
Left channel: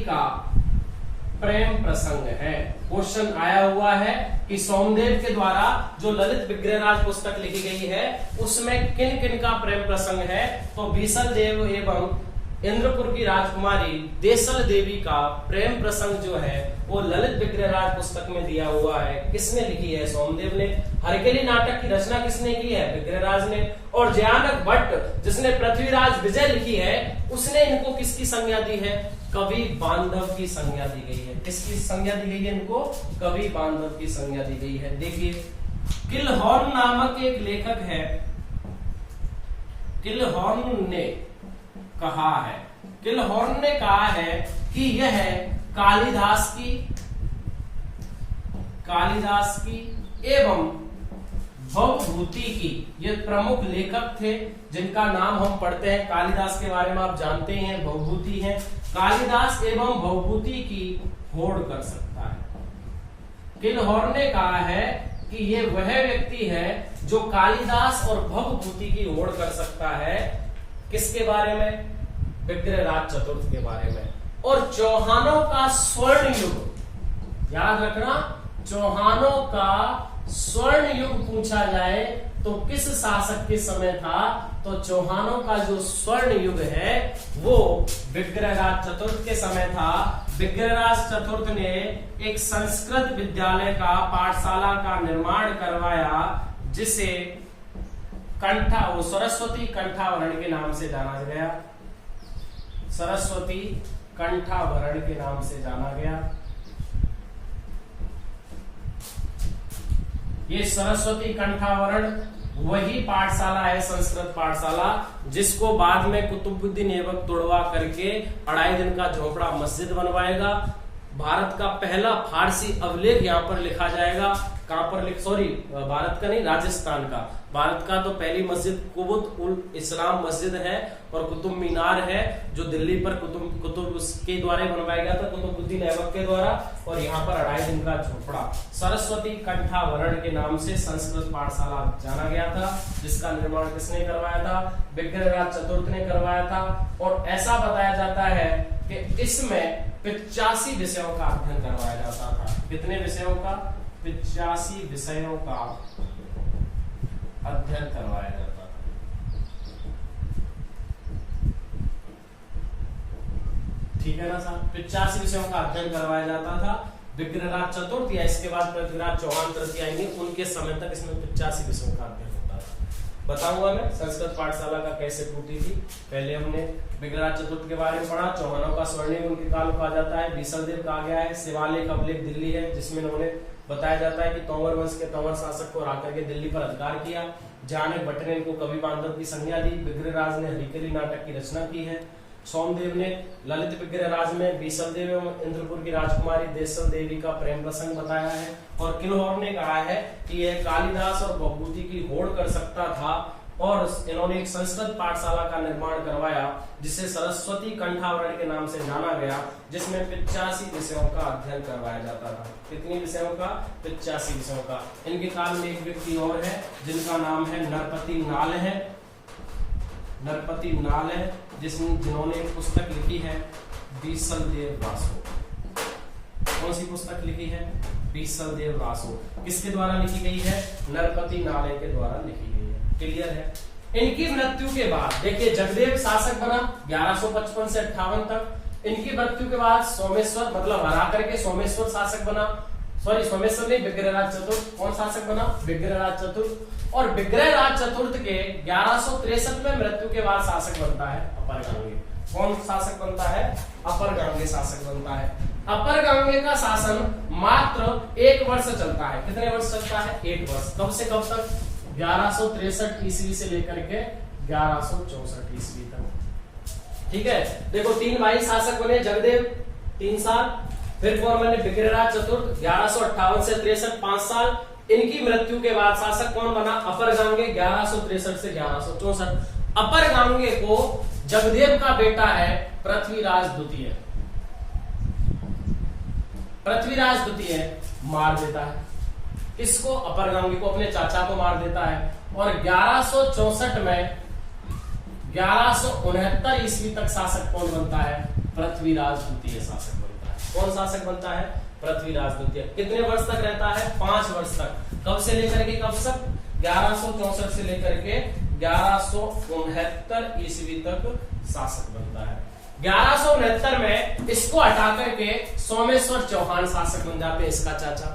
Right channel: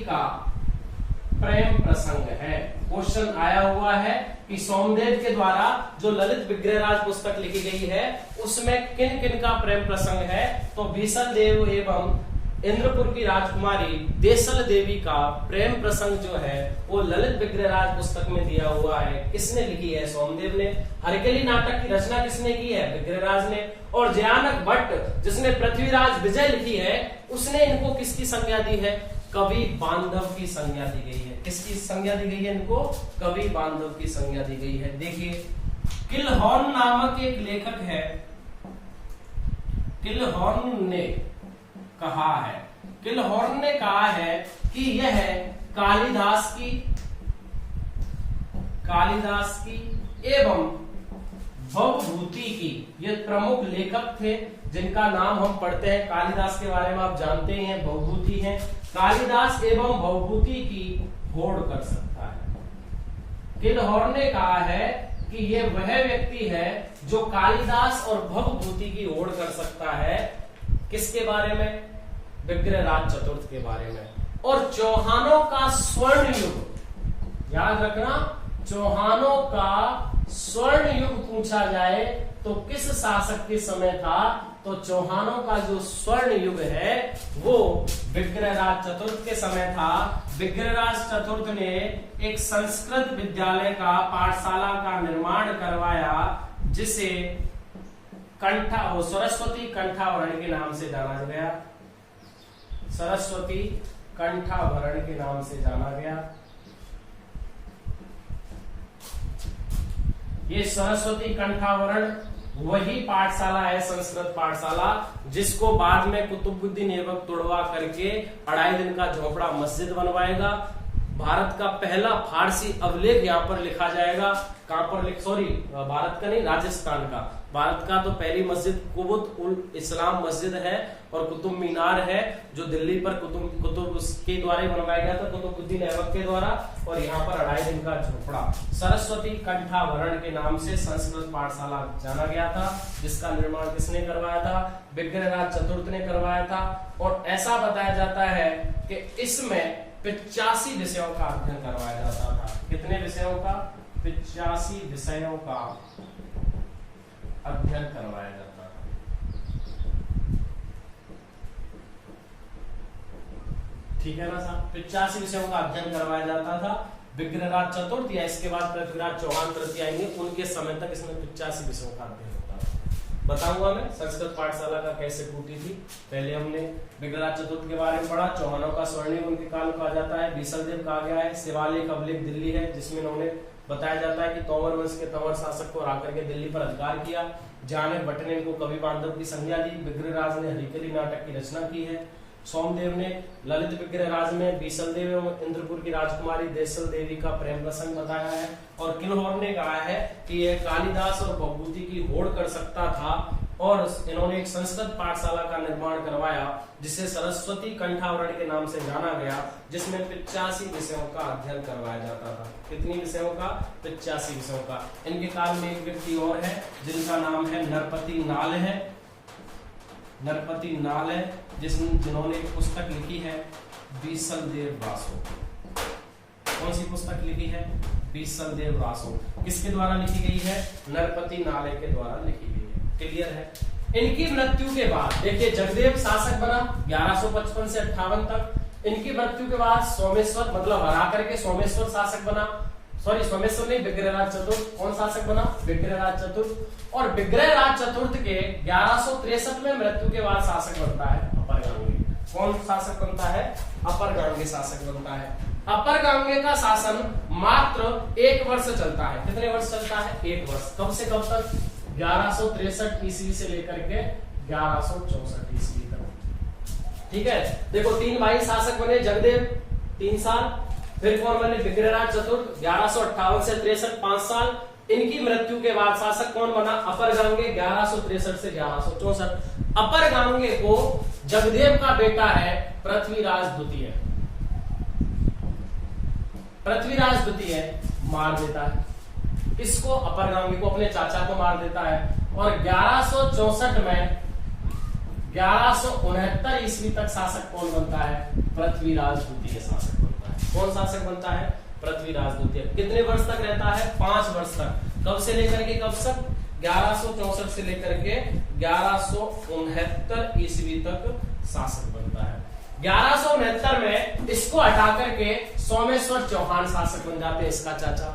का प्रेम प्रसंग है। क्वेश्चन आया हुआ है कि सोमदेव के द्वारा जो ललित विग्रहराज पुस्तक लिखी गई है उसमें किन किन का प्रेम प्रसंग है, तो बीसल देव एवं इंद्रपुर की राजकुमारी देसल देवी का प्रेम प्रसंग जो है वो ललित विग्रहराज पुस्तक में दिया हुआ है। किसने लिखी है? सोमदेव ने। हरकेली नाटक की रचना किसने की है? विग्रहराज ने। और जयानक भट्ट जिसने पृथ्वीराज विजय लिखी है उसने इनको किसकी संज्ञा दी है? कवि बांधव की संज्ञा दी गई है। किसकी संज्ञा दी गई है इनको? कवि बांधव की संज्ञा दी गई है। देखिए किलहॉर्न नामक एक लेखक है, किलहॉर्न ने कहा है कि यह कालिदास की एवं भवभूति की, ये प्रमुख लेखक थे जिनका नाम हम पढ़ते हैं। कालिदास के बारे में आप जानते ही हैं, भवभूति हैं। कालिदास एवं भवभूति की होड़ कर सकता है। किलहॉर्न ने कहा है कि ये वह व्यक्ति है जो कालिदास और भवभूति की होड़ कर सकता है। किसके बारे में? विग्रहराज चतुर्थ के बारे में। और चौहानों का स्वर्ण युग, याद रखना, चौहानों का स्वर्ण युग पूछा जाए तो किस शासक के समय था? तो चौहानों का जो स्वर्ण युग है वो विग्रहराज चतुर्थ के समय था। विग्रहराज चतुर्थ ने एक संस्कृत विद्यालय का, पाठशाला का निर्माण करवाया जिसे सरस्वती कंठाभरण के नाम से जाना गया। सरस्वती कंठाभरण के नाम से जाना गया। ये सरस्वती कंठाभरण वही पाठशाला है, संस्कृत पाठशाला, जिसको बाद में कुतुबुद्दीन ऐबक तोड़वा करके 2.5 दिन का झोपड़ा मस्जिद बनवाएगा। भारत का पहला फारसी अभिलेख यहाँ पर लिखा जाएगा। कहां पर भारत का नहीं, राजस्थान का। भारत का तो पहली मस्जिद कुतुब उल इस्लाम मस्जिद है और कुतुब मीनार है जो दिल्ली पर कुतुब उसके द्वारा बनवाया गया था, कुतुबुद्दीन ऐबक के द्वारा। और यहाँ पर 2.5 दिन का झोपड़ा सरस्वती कंठाभरण के नाम से संस्कृत पाठशाला जाना गया था, जिसका निर्माण किसने करवाया था? विग्रहराज चतुर्थ ने करवाया था। और ऐसा बताया जाता है कि इसमें 85 विषयों का अध्ययन करवाया जाता था। कितने विषयों का? 85 विषयों का अध्ययन करवाया जाता था। ठीक है ना साहब? 85 विषयों का अध्ययन करवाया जाता था। विग्रहराज चतुर्थ या इसके बाद पृथ्वीराज चौहान तृतीय आएंगे, उनके समय तक इसमें 85 विषयों का अध्ययन होता था। बताऊंगा मैं संस्कृत पाठशाला का कैसे टूटी थी। पहले हमने विग्रहराज चतुर्थ के बारे में पढ़ा। चौहानों का स्वर्णिम उनके काल कहा जाता है। बीसलदेव कहा गया है। शिवालिक अभिलेख दिल्ली है, जिसमें उन्होंने बताया जाता है कि तंवर वंश के तंवर शासक को आकर के दिल्ली पर अधिकार किया। जयानक भट्ट ने इनको कवि बांधव की संज्ञा दी। विग्रहराज ने हरिकेली नाटक की रचना की है। सोमदेव ने ललित विग्रहराज में बीसलदेव एवं इंद्रपुर की राजकुमारी देसल देवी का प्रेम प्रसंग बताया है। और किलहॉर्न ने कहा है कि यह कालिदास और भवभूति की होड़ कर सकता था। और इन्होंने एक संस्कृत पाठशाला का निर्माण करवाया जिसे सरस्वती कंठाभरण के नाम से जाना गया, जिसमें 85 विषयों का अध्ययन करवाया जाता था। कितने विषयों का? 85 विषयों का। इनके काल में एक व्यक्ति और है जिनका नाम है नरपति नाल है। नरपति नाल है जिन्होंने एक पुस्तक लिखी है बीसलदेव रासो। कौन सी पुस्तक लिखी है? बीसलदेव रासो। किसके द्वारा लिखी गई है? नरपति नाले के द्वारा लिखी गई है। क्लियर है? इनकी मृत्यु के बाद देखिए जगदेव शासक बना 1155 से 58 तक। इनकी मृत्यु के बाद सोमेश्वर मतलब हरा करके सोमेश्वर शासक बना। सोमेश्वर नहीं, विग्रहराज चतुर्थ। कौन शासक बना? विग्रहराज चतुर्थ। और विग्रहराज चतुर्थ के 1163 में मृत्यु के बाद शासक बनता है अपर गांगे। कौन शासक बनता है? अपर गांगे शासक बनता है। अपर गांगे का शासन मात्र 1 वर्ष चलता है। कितने वर्ष चलता है? 1 वर्ष। कब से कब तक? 1163 ईस्वी से लेकर के 1164 ईस्वी तक। ठीक है, देखो 3 भाई शासक बने। जगदेव 3 साल, फिर कौन बने? विग्रहराज चतुर्थ 1158 से 63 5 साल, इनकी मृत्यु के बाद शासक कौन बना? अपर गांगे 1163 से 1164। अपर गांगे को जगदेव का बेटा है पृथ्वीराज द्वितीय। पृथ्वीराज द्वितीय मार देता है। किसको? अपर गांगे को, अपने चाचा को मार देता है। और 1164 में 1169 ईस्वी तक शासक कौन बनता है? पृथ्वीराज द्वितीय शासक बनता है। कौन शासक बनता है? पृथ्वीराज द्वितीय। कितने वर्ष तक रहता है? 5 वर्ष तक। कब से लेकर के कब तक? 1164 से लेकर के 1169 ईस्वी तक शासक बनता है। 1169 में इसको हटा करके सोमेश्वर चौहान शासक बन जाते हैं, इसका चाचा।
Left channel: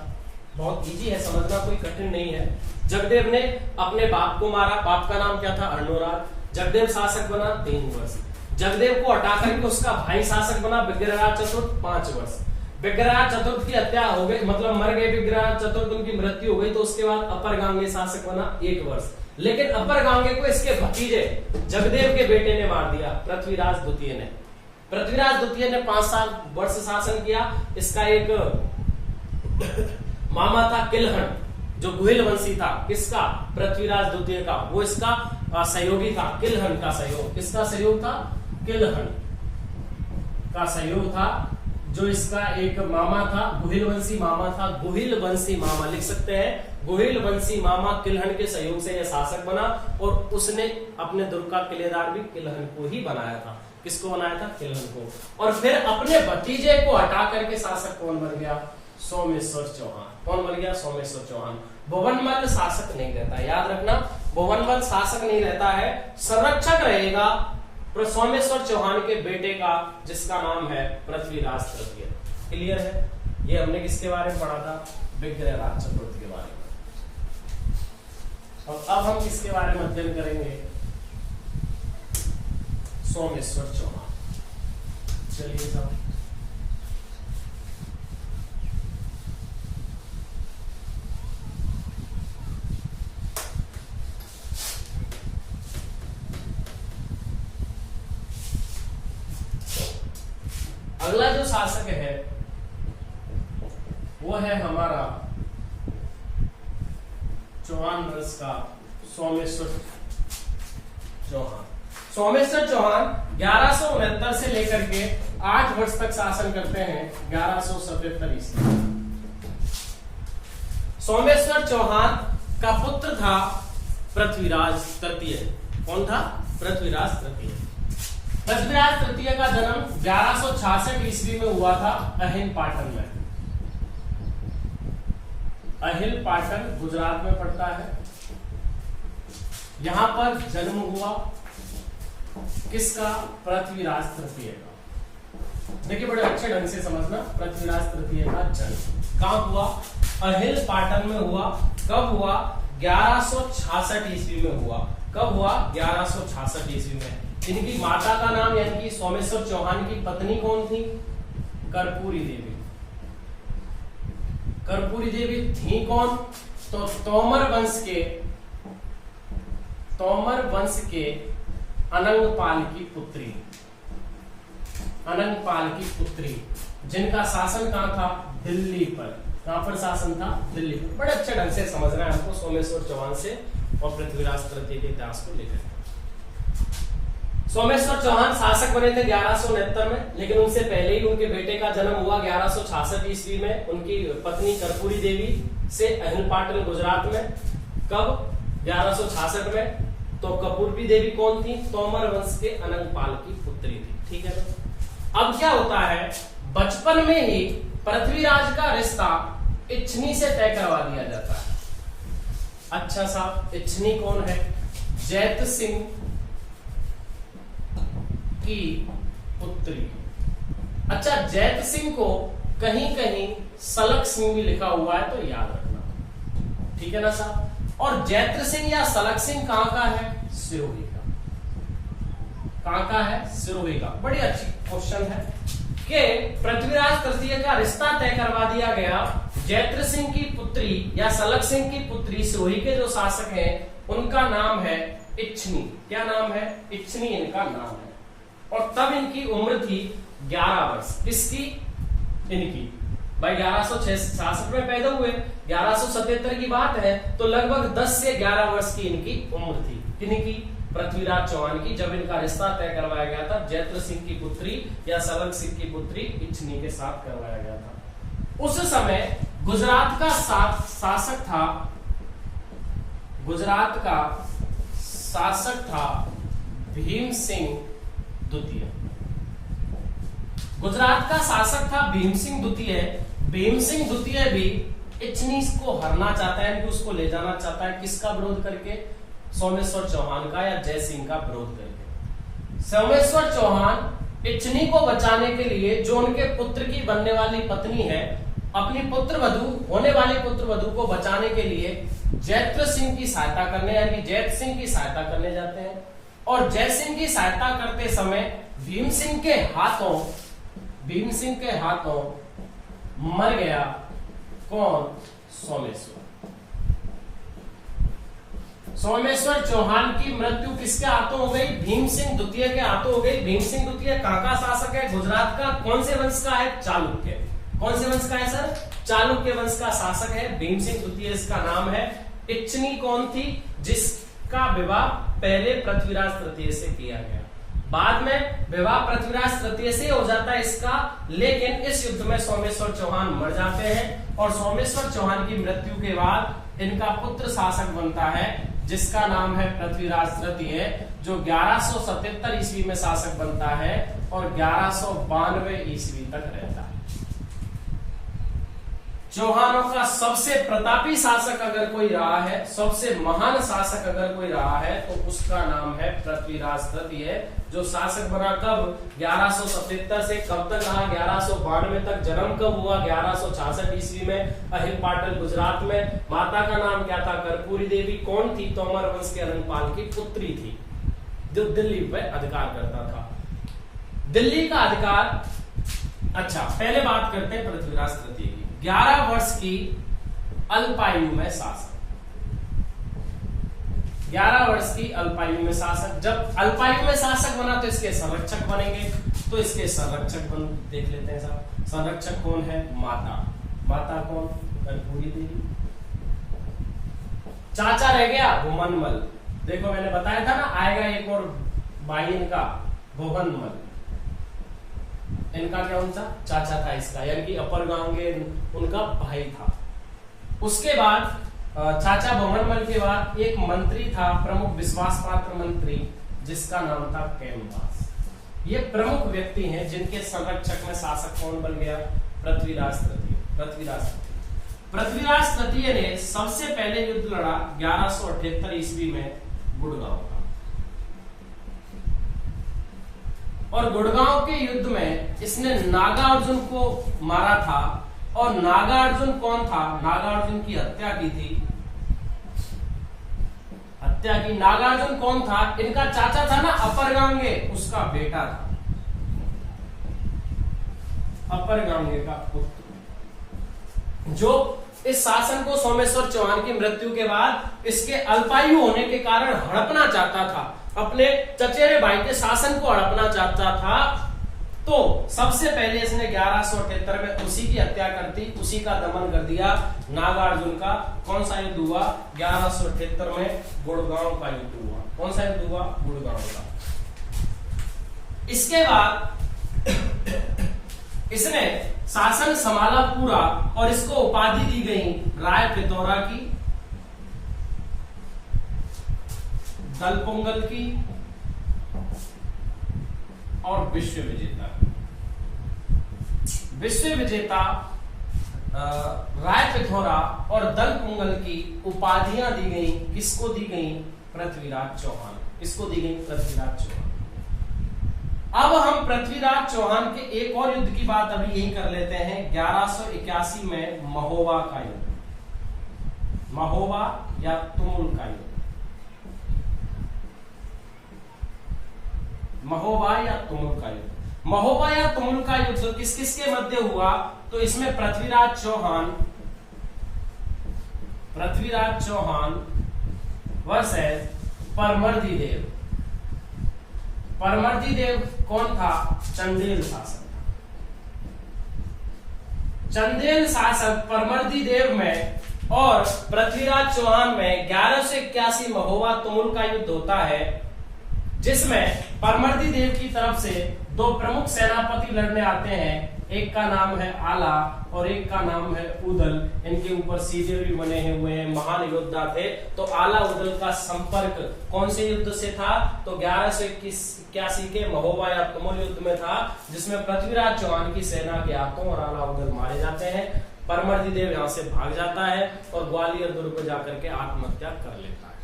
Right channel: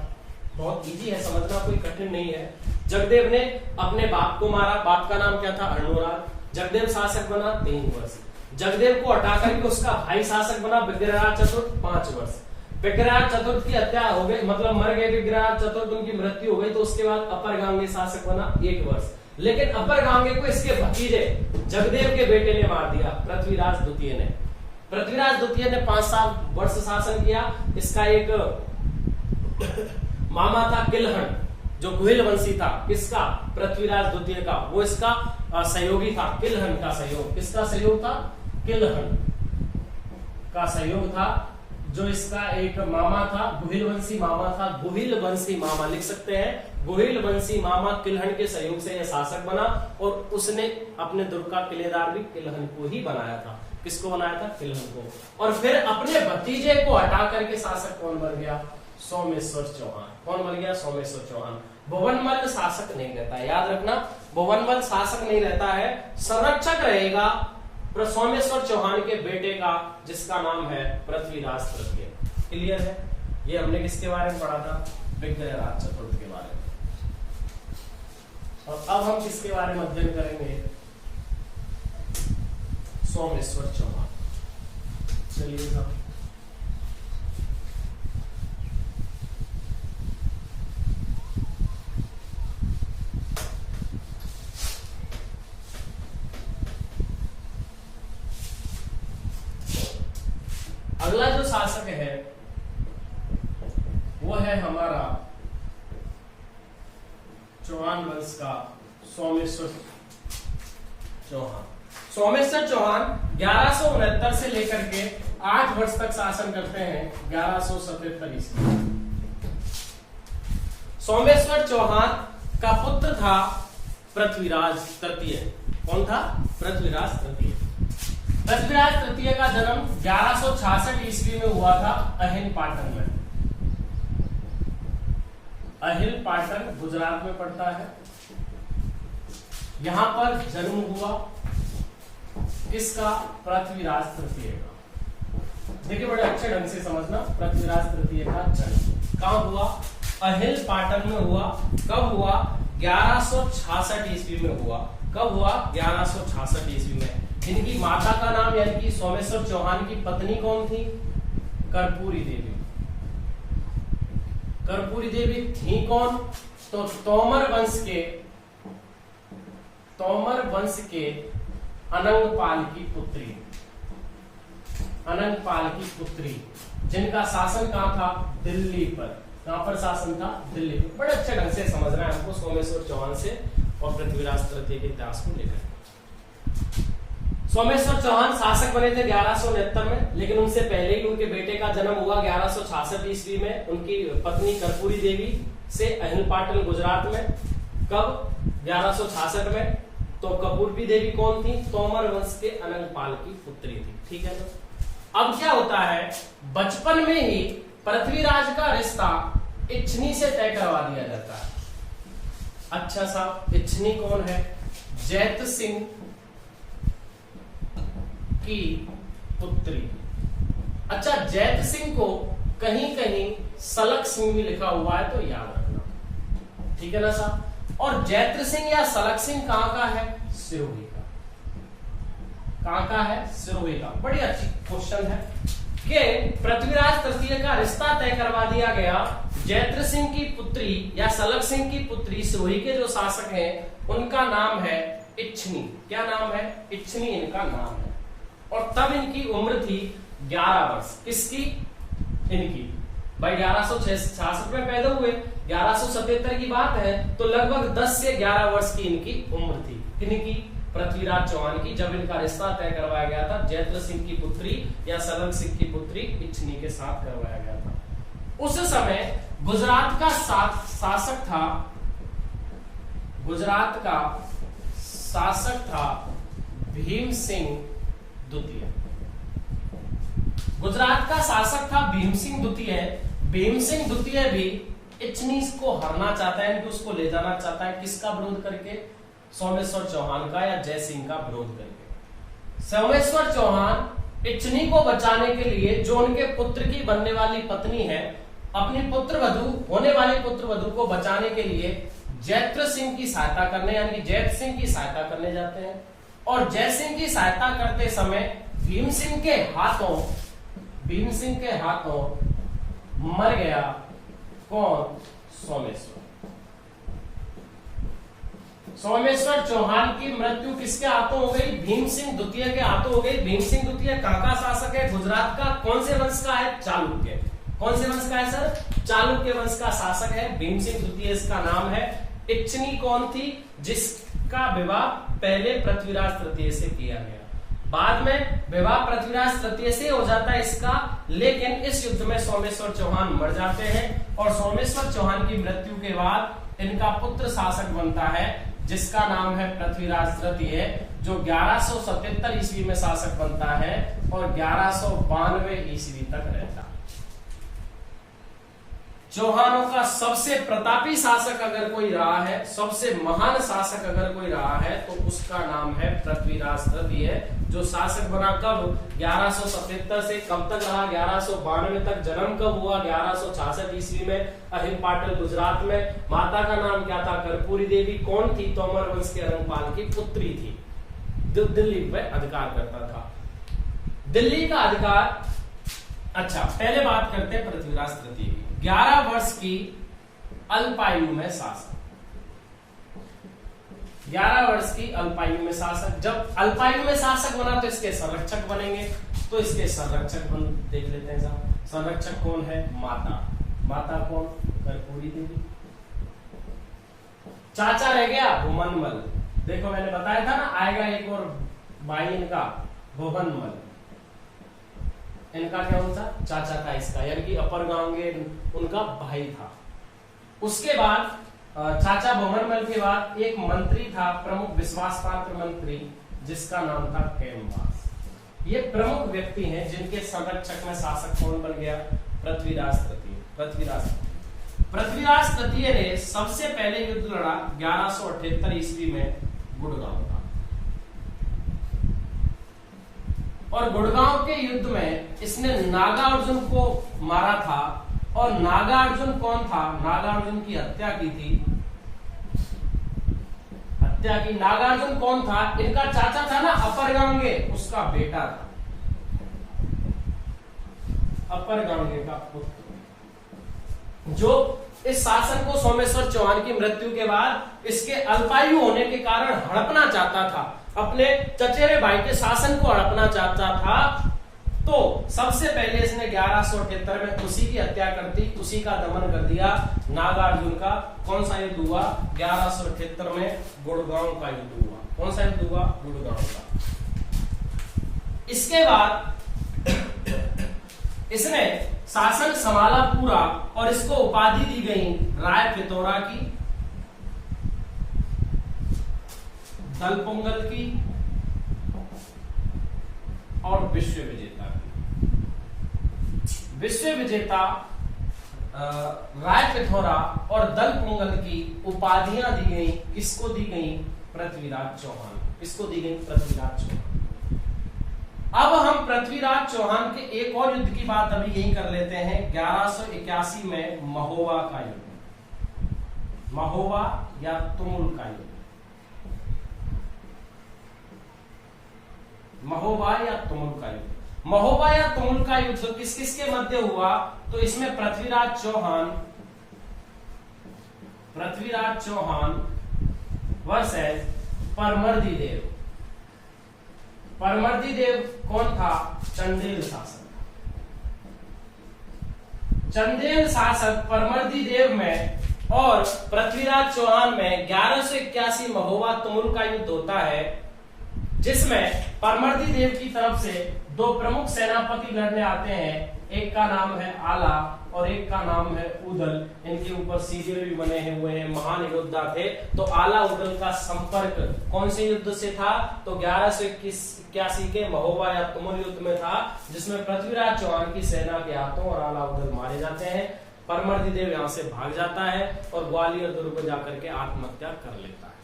बहुत इजी है समझना, कोई कठिन नहीं है। जगदेव ने अपने बाप को मारा, बाप का नाम क्या था? अर्णोराज। जगदेव शासक बना 3 वर्ष। जगदेव को हटा करके उसका भाई शासक बना विग्रहराज चतुर्थ 5 वर्ष। विग्रहराज चतुर्थ की हत्या हो गई, मतलब मर गए विग्रहराज चतुर्थ, उनकी मृत्यु हो गई, तो उसके बाद अपर गांगे शासक बना 1 वर्ष। लेकिन अपर गांगे को इसके भतीजे जगदेव के बेटे ने मार दिया, पृथ्वीराज द्वितीय ने। पृथ्वीराज द्वितीय ने 5 वर्ष शासन किया। इसका एक मामा था किलहन, जो गुहिल वंशी था। किसका? पृथ्वीराज द्वितीय का। वो इसका सहयोगी था, किलहन का सहयोग। किसका सहयोग था? किलहन का सहयोग था। जो इसका एक मामा था, गुहिल वंशी मामा था। गुहिल वंशी मामा लिख सकते हैं। गुहिल वंशी मामा किलहन के सहयोग से यह शासक बना। और उसने अपने दुर्ग का किलेदार भी किलहन को ही बनाया था। किसको बनाया था? किलहन को। और फिर अपने भतीजे को हटा करके शासक कौन बन गया? सोमेश्वर चौहान। कौन बन गया? सोमेश्वर चौहान। भुवनमल शासक नहीं रहता है, याद रखना। भुवनमल शासक नहीं रहता है, संरक्षक रहेगा सोमेश्वर चौहान के बेटे का, जिसका नाम है पृथ्वीराज तृतीय। क्लियर है? ये हमने किसके बारे में पढ़ा था? विग्रहराज चतुर्थ के बारे में। और अब हम किसके बारे में अध्ययन करेंगे? सोमेश्वर चौहान। चलिए साहब, अगला जो शासक है वो है हमारा चौहान वंश का सोमेश्वर चौहान। सोमेश्वर चौहान 1169 से लेकर के 8 वर्ष तक शासन करते हैं, 1177 ईस्वी। सोमेश्वर चौहान का पुत्र था पृथ्वीराज तृतीय। कौन था? पृथ्वीराज तृतीय। पृथ्वीराज तृतीय का जन्म 1166 ईस्वी में हुआ था अहिल पाटन में। अहिल पाटन गुजरात में पड़ता है। यहां पर जन्म हुआ किसका? पृथ्वीराज तृतीय का। देखिए बड़े अच्छे ढंग से समझना, पृथ्वीराज तृतीय का जन्म कहां हुआ? अहिल पाटन में हुआ। कब हुआ? 1166 ईस्वी में हुआ। कब हुआ? 1166 ईस्वी में। इनकी माता का नाम यानी कि सोमेश्वर चौहान की पत्नी कौन थी? कर्पूरी देवी। कर्पूरी देवी थी कौन? तो तोमर वंश के अनंगपाल की पुत्री। अनंगपाल की पुत्री, जिनका शासन कहां था? दिल्ली पर। कहां पर शासन था? दिल्ली पर। बड़े अच्छे ढंग से समझना है हमको सोमेश्वर चौहान से और पृथ्वीराज तृतीय के इतिहास को लेकर। सोमेश्वर चौहान शासक बने थे 1169 में, लेकिन उनसे पहले ही उनके बेटे का जन्म हुआ 1166 ईस्वी में, उनकी पत्नी कर्पूरी देवी से अहिल पाटन गुजरात में। कब? 1166 में। तो कर्पूरी देवी कौन थी? तोमर वंश के अनंगपाल की पुत्री थी। ठीक है ना? अब क्या होता है, बचपन में ही पृथ्वीराज का रिश्ता इच्छनी से तय करवा दिया जाता है। अच्छा साहब, इच्छनी कौन है? जैत सिंह की पुत्री। अच्छा, जैत सिंह को कहीं कहीं सलक सिंह भी लिखा हुआ है, तो याद रखना। ठीक है ना साहब? और जैत सिंह या सलक सिंह कहां का है? सिरोही का। कहां का है? सिरोही का। बड़ी अच्छी क्वेश्चन है कि पृथ्वीराज तृतीय का रिश्ता तय करवा दिया गया जैत सिंह की पुत्री या सलक सिंह की पुत्री। सिरोही के जो शासक हैं उनका नाम है इच्छनी। क्या नाम है? इच्छनी इनका नाम है। और तब इनकी उम्र थी 11 वर्ष। किसकी? इनकी। भाई 1166 में पैदा हुए, 1177 की बात है तो लगभग 10 से 11 वर्ष की इनकी उम्र थी। किनकी? पृथ्वीराज चौहान की, जब इनका रिश्ता तय करवाया गया था जैत्र सिंह की पुत्री या सरल सिंह की पुत्री इच्छनी के साथ करवाया गया था। उस समय गुजरात का शासक था, गुजरात का शासक था भीम सिंह द्वितीय। गुजरात का शासक था भीम सिंह द्वितीय। भीम सिंह द्वितीय भी इच्छनी को हरना चाहता है, उसको ले जाना चाहता है। किसका विरोध करके? सोमेश्वर चौहान का या जय सिंह का विरोध करके। सोमेश्वर चौहान इच्छनी को बचाने के लिए, जो उनके पुत्र की बनने वाली पत्नी है, अपनी पुत्रवधू होने वाली पुत्रवधू को बचाने के लिए जैत्र सिंह की सहायता करने यानी जैत सिंह की सहायता करने जाते हैं। और जय सिंह की सहायता करते समय भीम सिंह के हाथों मर गया कौन? सोमेश्वर। सोमेश्वर चौहान की मृत्यु किसके हाथों हो गई? भीम सिंह द्वितीय के हाथों हो गई। भीम सिंह द्वितीय कहां का शासक है? गुजरात का। कौन से वंश का है? चालुक्य। कौन से वंश का है सर? चालुक्य वंश का शासक है भीम सिंह द्वितीय, इसका नाम है। इच्छनी कौन थी? जिसका विवाह पहले पृथ्वीराज तृतीय से किया गया, बाद में विवाह पृथ्वीराज तृतीय से हो जाता है इसका। लेकिन इस युद्ध में सोमेश्वर चौहान मर जाते हैं और सोमेश्वर चौहान की मृत्यु के बाद इनका पुत्र शासक बनता है जिसका नाम है पृथ्वीराज तृतीय, जो 1177 ईस्वी में शासक बनता है और 1192 ईस्वी तक रहता है। चौहानों का सबसे प्रतापी शासक अगर कोई रहा है, सबसे महान शासक अगर कोई रहा है तो उसका नाम है पृथ्वीराज तृतीय, जो शासक बना कब? 1177 से कब तक रहा? 1192 तक। जन्म कब हुआ? 1166 ईस्वी में अहिल पाटल गुजरात में। माता का नाम क्या था? कर्पूरी देवी। कौन थी? तोमर वंश के रंगपाल की पुत्री थी, जो दिल्ली पे अधिकार करता था। दिल्ली का अधिकार। अच्छा, पहले बात करते हैं पृथ्वीराज तृतीय की। 11 वर्ष की अल्पायु में शासक, 11 वर्ष की अल्पायु में शासक। जब अल्पायु में शासक बना तो इसके संरक्षक बनेंगे, तो इसके संरक्षक देख लेते हैं साहब। संरक्षक कौन है? माता। माता कौन? कर्पूरी देवी। चाचा रह गया भुवनमल। देखो मैंने बताया था ना, आएगा एक और भाई इनका, भुवनमल। इनका क्या उनका चाचा था इसका, यानी कि अपर गांगे उनका भाई था। उसके बाद चाचा भुवनमल के बाद एक मंत्री था, प्रमुख विश्वास पात्र मंत्री, जिसका नाम था कैमवास। ये प्रमुख व्यक्ति हैं जिनके संरक्षक में शासक कौन बन गया? पृथ्वीराज तृतीय। पृथ्वीराज तृतीय ने सबसे पहले युद्ध लड़ा 1178 ईस्वी में गुड़गांव का। और गुड़गांव के युद्ध में इसने नागार्जुन को मारा था। और नागार्जुन कौन था? नागार्जुन की हत्या की थी। नागार्जुन कौन था? इनका चाचा था ना अपर गांगे, उसका बेटा था, अपर गांगे का पुत्र, जो इस शासन को सोमेश्वर चौहान की मृत्यु के बाद इसके अल्पायु होने के कारण हड़पना चाहता था, अपने चचेरे भाई के शासन को हड़पना चाहता था। तो सबसे पहले इसने 1178 में उसी की हत्या कर दी, उसी का दमन कर दिया, नागार्जुन का। कौन सा युद्ध हुआ? 1178 में गुड़गांव का युद्ध हुआ। कौन सा युद्ध हुआ? गुड़गांव का। इसके बाद इसने शासन संभाला पूरा और इसको उपाधि दी गई राय पिथौरा की, दलपोंगल की और विश्व विजेता। विश्व विजेता, राय पिथौरा और दलपोंगल की उपाधियां दी गई। किसको दी गई? पृथ्वीराज चौहान। किसको दी गई? पृथ्वीराज चौहान। अब हम पृथ्वीराज चौहान के एक और युद्ध की बात अभी यही कर लेते हैं। 1181 में महोबा का युद्ध, महोबा या तुमुल का युद्ध, महोबा या तुमुल का युद्ध। महोबा या तुमुल का युद्ध किस किस के मध्य हुआ? तो इसमें पृथ्वीराज चौहान वर्सेस परमर्दी देव। परमर्दी देव कौन था? चंदेल शासक। चंदेल शासक परमर्दी देव में और पृथ्वीराज चौहान में 1181 महोबा तुमुल का युद्ध होता है, जिसमें परमर्दी देव की तरफ से दो प्रमुख सेनापति लड़ने आते हैं। एक का नाम है आला और एक का नाम है उदल। इनके ऊपर सीरियल भी बने हुए हैं, महान योद्धा थे। तो आला उदल का संपर्क कौन से युद्ध से था? तो 1181 के महोबा या तुमुल युद्ध में था, जिसमें पृथ्वीराज चौहान की सेना के हाथों और आला उदल मारे जाते हैं। परमर्दी देव यहाँ से भाग जाता है और ग्वालियर दुर्ग को जाकर के आत्महत्या कर लेता है।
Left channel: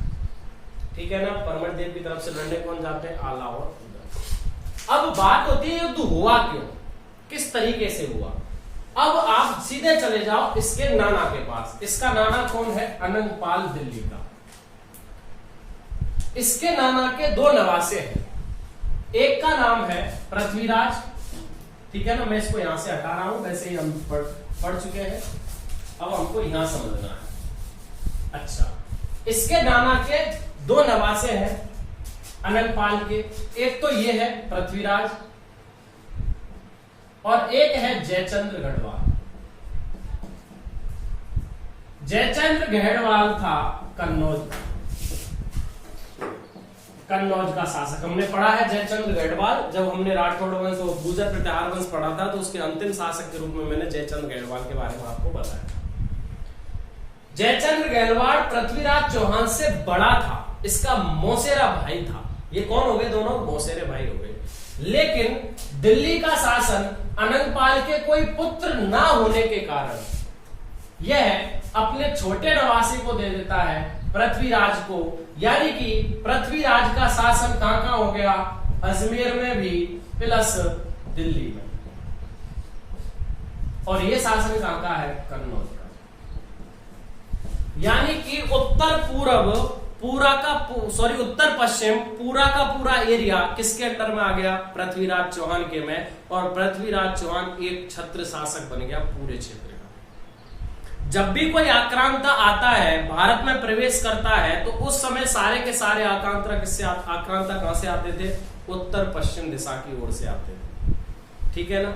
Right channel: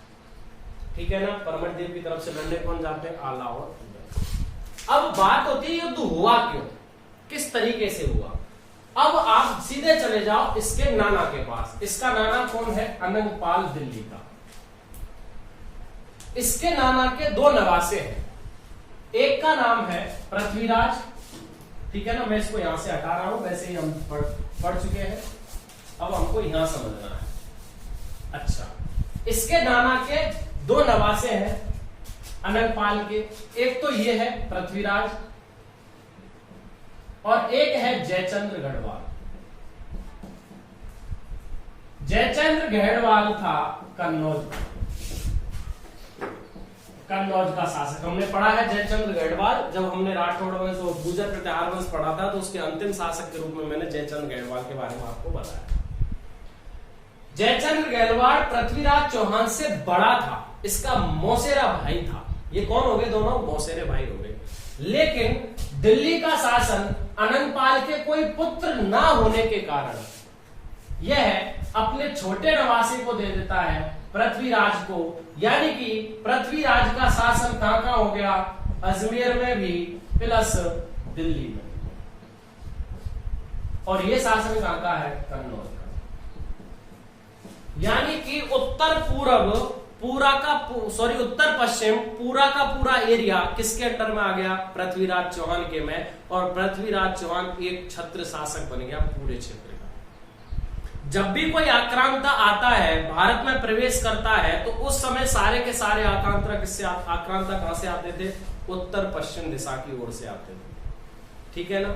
ठीक है ना। परमर्दी देव की तरफ से लड़ने कौन जाते हैं? आला और उदल। अब बात होती है युद्ध हुआ क्यों, किस तरीके से हुआ। अब आप सीधे चले जाओ इसके नाना के पास। इसका नाना कौन है? अनंगपाल दिल्ली का। इसके नाना के दो नवासे हैं। एक का नाम है पृथ्वीराज, ठीक है ना। मैं इसको यहां से हटा रहा हूं, वैसे ही हम पढ़ चुके हैं, अब हमको यहां समझना है। अच्छा, इसके नाना के दो नवासे हैं अनंगपाल के। एक तो ये है पृथ्वीराज और एक है जयचंद्र गढ़वाल। जयचंद्र गढ़वाल था कन्नौज का शासक। हमने पढ़ा है जयचंद्र गढ़वाल, जब हमने राठौड़ वंश और गुर्जर प्रतिहार वंश पढ़ा था, तो उसके अंतिम शासक के रूप में मैंने जयचंद्र गढ़वाल के बारे में आपको बताया। जयचंद्र गढ़वाल पृथ्वीराज चौहान से बड़ा था, इसका मौसेरा भाई था। ये कौन हो गए? दोनों मौसेरे भाई हो गए। लेकिन दिल्ली का शासन अनंगपाल के कोई पुत्र ना होने के कारण यह अपने छोटे नवासे को दे देता है, पृथ्वीराज को। यानी कि पृथ्वीराज का शासन कहां हो गया? अजमेर में भी प्लस दिल्ली में। और यह शासन कहां का है? कन्नौज का। यानी कि उत्तर पश्चिम पूरा का पूरा एरिया किसके अंडर में आ गया? पृथ्वीराज चौहान के में। और पृथ्वीराज चौहान एक छत्र शासक बन गया पूरे क्षेत्र का। जब भी कोई आक्रांता आता है, भारत में प्रवेश करता है, तो उस समय सारे के सारे आक्रांता कहां से आते थे? उत्तर पश्चिम दिशा की ओर से आते थे। ठीक है ना।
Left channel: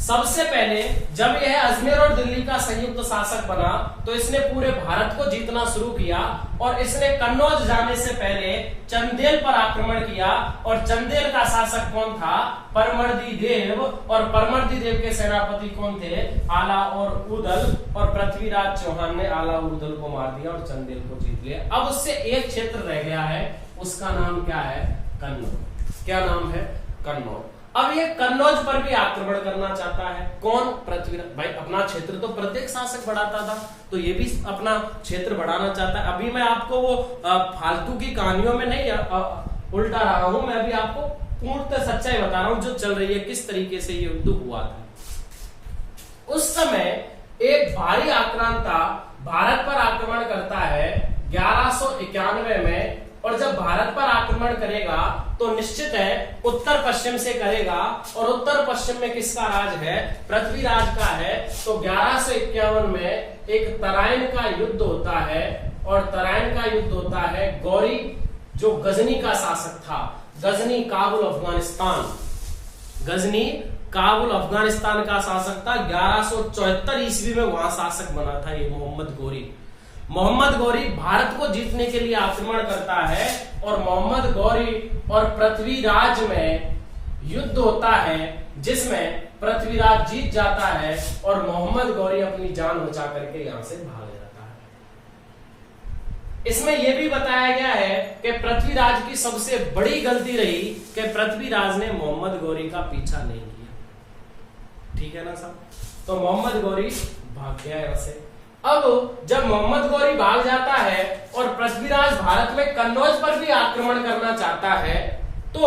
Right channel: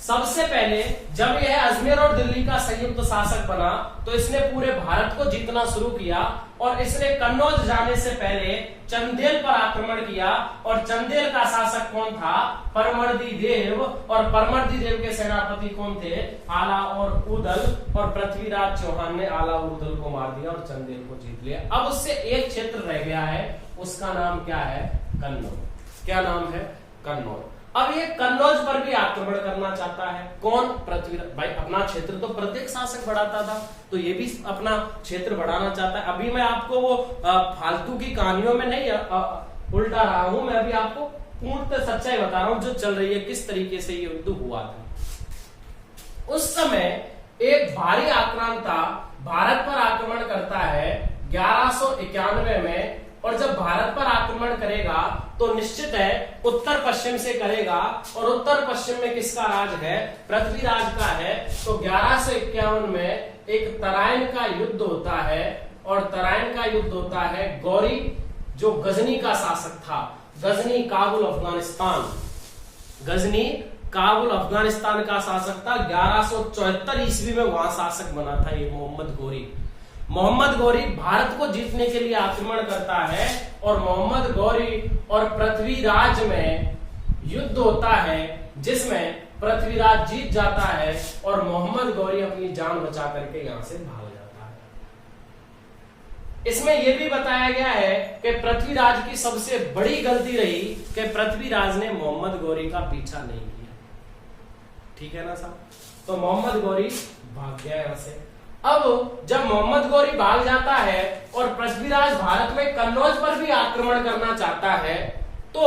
सबसे पहले जब यह अजमेर और दिल्ली का संयुक्त शासक बना, तो इसने पूरे भारत को जीतना शुरू किया और इसने कन्नौज जाने से पहले चंदेल पर आक्रमण किया। और चंदेल का शासक कौन था? परमर्दी देव। और परमर्दी देव के सेनापति कौन थे? आला और उदल। और पृथ्वीराज चौहान ने आला और उदल को मार दिया और चंदेल को जीत लिया। अब उससे एक क्षेत्र रह गया है, उसका नाम क्या है? कन्नौज। क्या नाम है? कन्नौज। अब ये कन्नौज पर भी आक्रमण करना चाहता है। कौन? पृथ्वीराज। भाई अपना क्षेत्र तो प्रत्येक शासक बढ़ाता था, तो ये भी अपना क्षेत्र बढ़ाना चाहता है। अभी मैं आपको वो फालतू की कहानियों में नहीं उल्टा रहा हूं, मैं अभी आपको पूर्णतः सच्चाई बता रहा हूं जो चल रही है, किस तरीके से ये युद्ध हुआ था। उस समय एक भारी आक्रांता भारत पर आक्रमण करता है 1191 में। और जब भारत पर आक्रमण करेगा तो निश्चित है उत्तर पश्चिम से करेगा। और उत्तर पश्चिम में किसका राज है? पृथ्वीराज का है। तो 1151 में एक तराइन का युद्ध होता है। और तराइन का युद्ध होता है गौरी, जो गजनी का शासक था। गजनी काबुल अफगानिस्तान का शासक था। 1174 ईस्वी में वहां शासक बना था ये मोहम्मद गौरी भारत को जीतने के लिए आक्रमण करता है। और मोहम्मद गौरी और पृथ्वीराज में युद्ध होता है, जिसमें पृथ्वीराज जीत जाता है और मोहम्मद गौरी अपनी जान बचा करके यहां से भाग जाता है। इसमें यह भी बताया गया है कि पृथ्वीराज की सबसे बड़ी गलती रही कि पृथ्वीराज ने मोहम्मद गौरी का पीछा नहीं किया। ठीक है ना साहब। तो मोहम्मद गौरी भाग गया यहां से। अब जब मोहम्मद गौरी भाग जाता है और पृथ्वीराज भारत में कन्नौज पर भी आक्रमण करना चाहता है, तो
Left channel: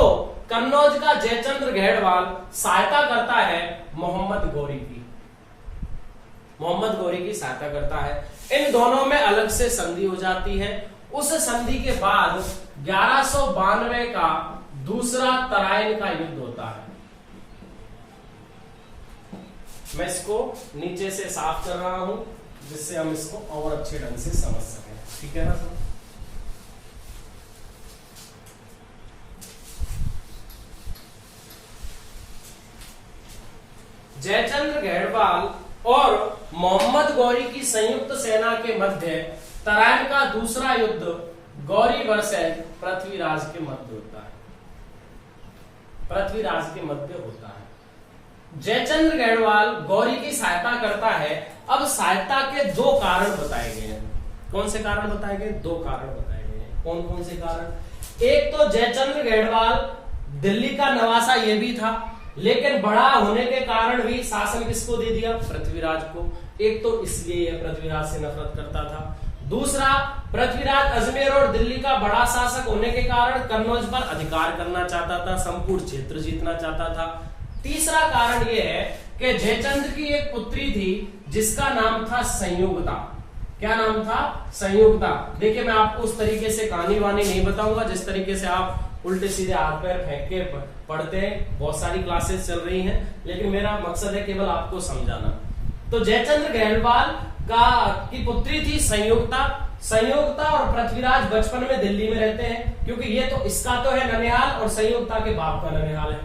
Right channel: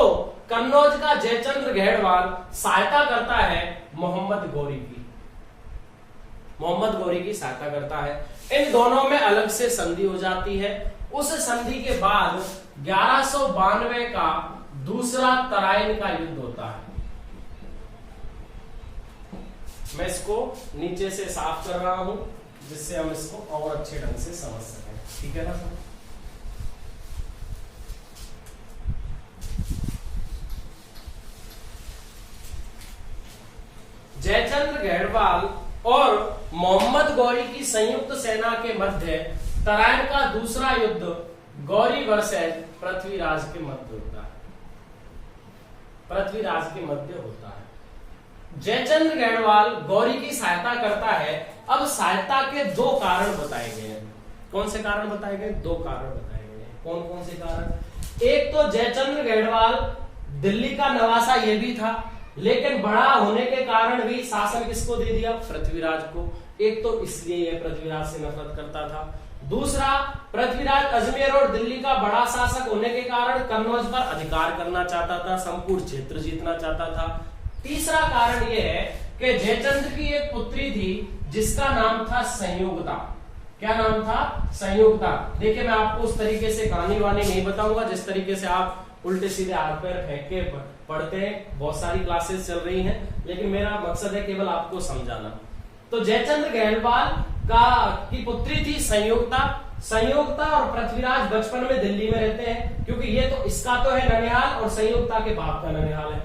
कन्नौज का जयचंद्र गढ़वाल सहायता करता है मोहम्मद गौरी की सहायता करता है। इन दोनों में अलग से संधि हो जाती है। उस संधि के बाद 1192 का दूसरा तराइन का युद्ध होता है। मैं इसको नीचे से साफ कर रहा हूं, जिससे हम इसको और अच्छे ढंग से समझ सकें। ठीक है ना सर। जयचंद्र गढ़वाल और मोहम्मद गौरी की संयुक्त सेना के मध्य तराइन का दूसरा युद्ध गौरी वर्सेस पृथ्वीराज के मध्य होता है। पृथ्वीराज के मध्य होता है। जयचंद्र गढ़वाल गौरी की सहायता करता है। अब सहायता के दो कारण बताए गए हैं। कौन से कारण बताए गए? दो कारण बताए गए हैं। कौन कौन से कारण? एक तो जयचंद्र गढ़वाल दिल्ली का नवासा ये भी था, लेकिन बड़ा होने के कारण भी शासन किसको दे दिया? पृथ्वीराज को। एक तो इसलिए यह पृथ्वीराज से नफरत करता था। दूसरा, पृथ्वीराज अजमेर और दिल्ली का बड़ा शासक होने के कारण कन्नौज पर अधिकार करना चाहता था, संपूर्ण क्षेत्र जीतना चाहता था। तीसरा कारण यह है कि जयचंद्र की एक पुत्री थी जिसका नाम था संयोगता। क्या नाम था? संयोगता। देखिए, मैं आपको उस तरीके से कहानी वानी नहीं बताऊंगा जिस तरीके से आप उल्टे सीधे हाथ पैर फेंक के पढ़ते हैं। बहुत सारी क्लासेस चल रही हैं, लेकिन मेरा मकसद है केवल आपको समझाना। तो जयचंद्र गढ़वाल की पुत्री थी संयोगता। संयोगता और पृथ्वीराज बचपन में दिल्ली में रहते हैं, क्योंकि ये तो इसका तो है ननिहाल और संयोगता के बाप का ननिहाल है।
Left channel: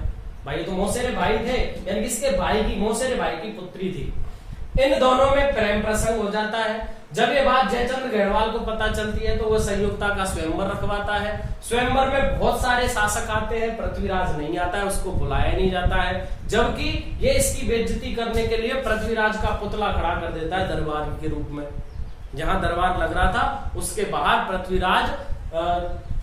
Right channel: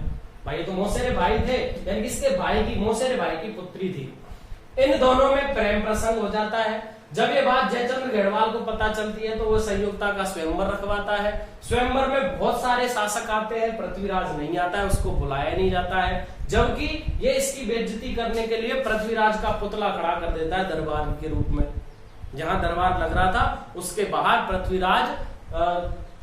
भाई ये तो मौसेरे भाई थे, यानी किसके भाई की? मौसेरे भाई की पुत्री थी। इन दोनों में प्रेम प्रसंग हो जाता है। जब ये बात जयचंद्र गढ़वाल को पता चलती है तो वो संयुक्ता का स्वयंवर रखवाता है। स्वयंवर में बहुत सारे शासक आते हैं, पृथ्वीराज नहीं आता है, उसको बुलाया नहीं जाता है। जबकि ये इसकी बेइज्जती करने के लिए पृथ्वीराज का पुतला खड़ा कर देता है दरबार के रूप में। जहां दरबार लग रहा था उसके बाहर पृथ्वीराज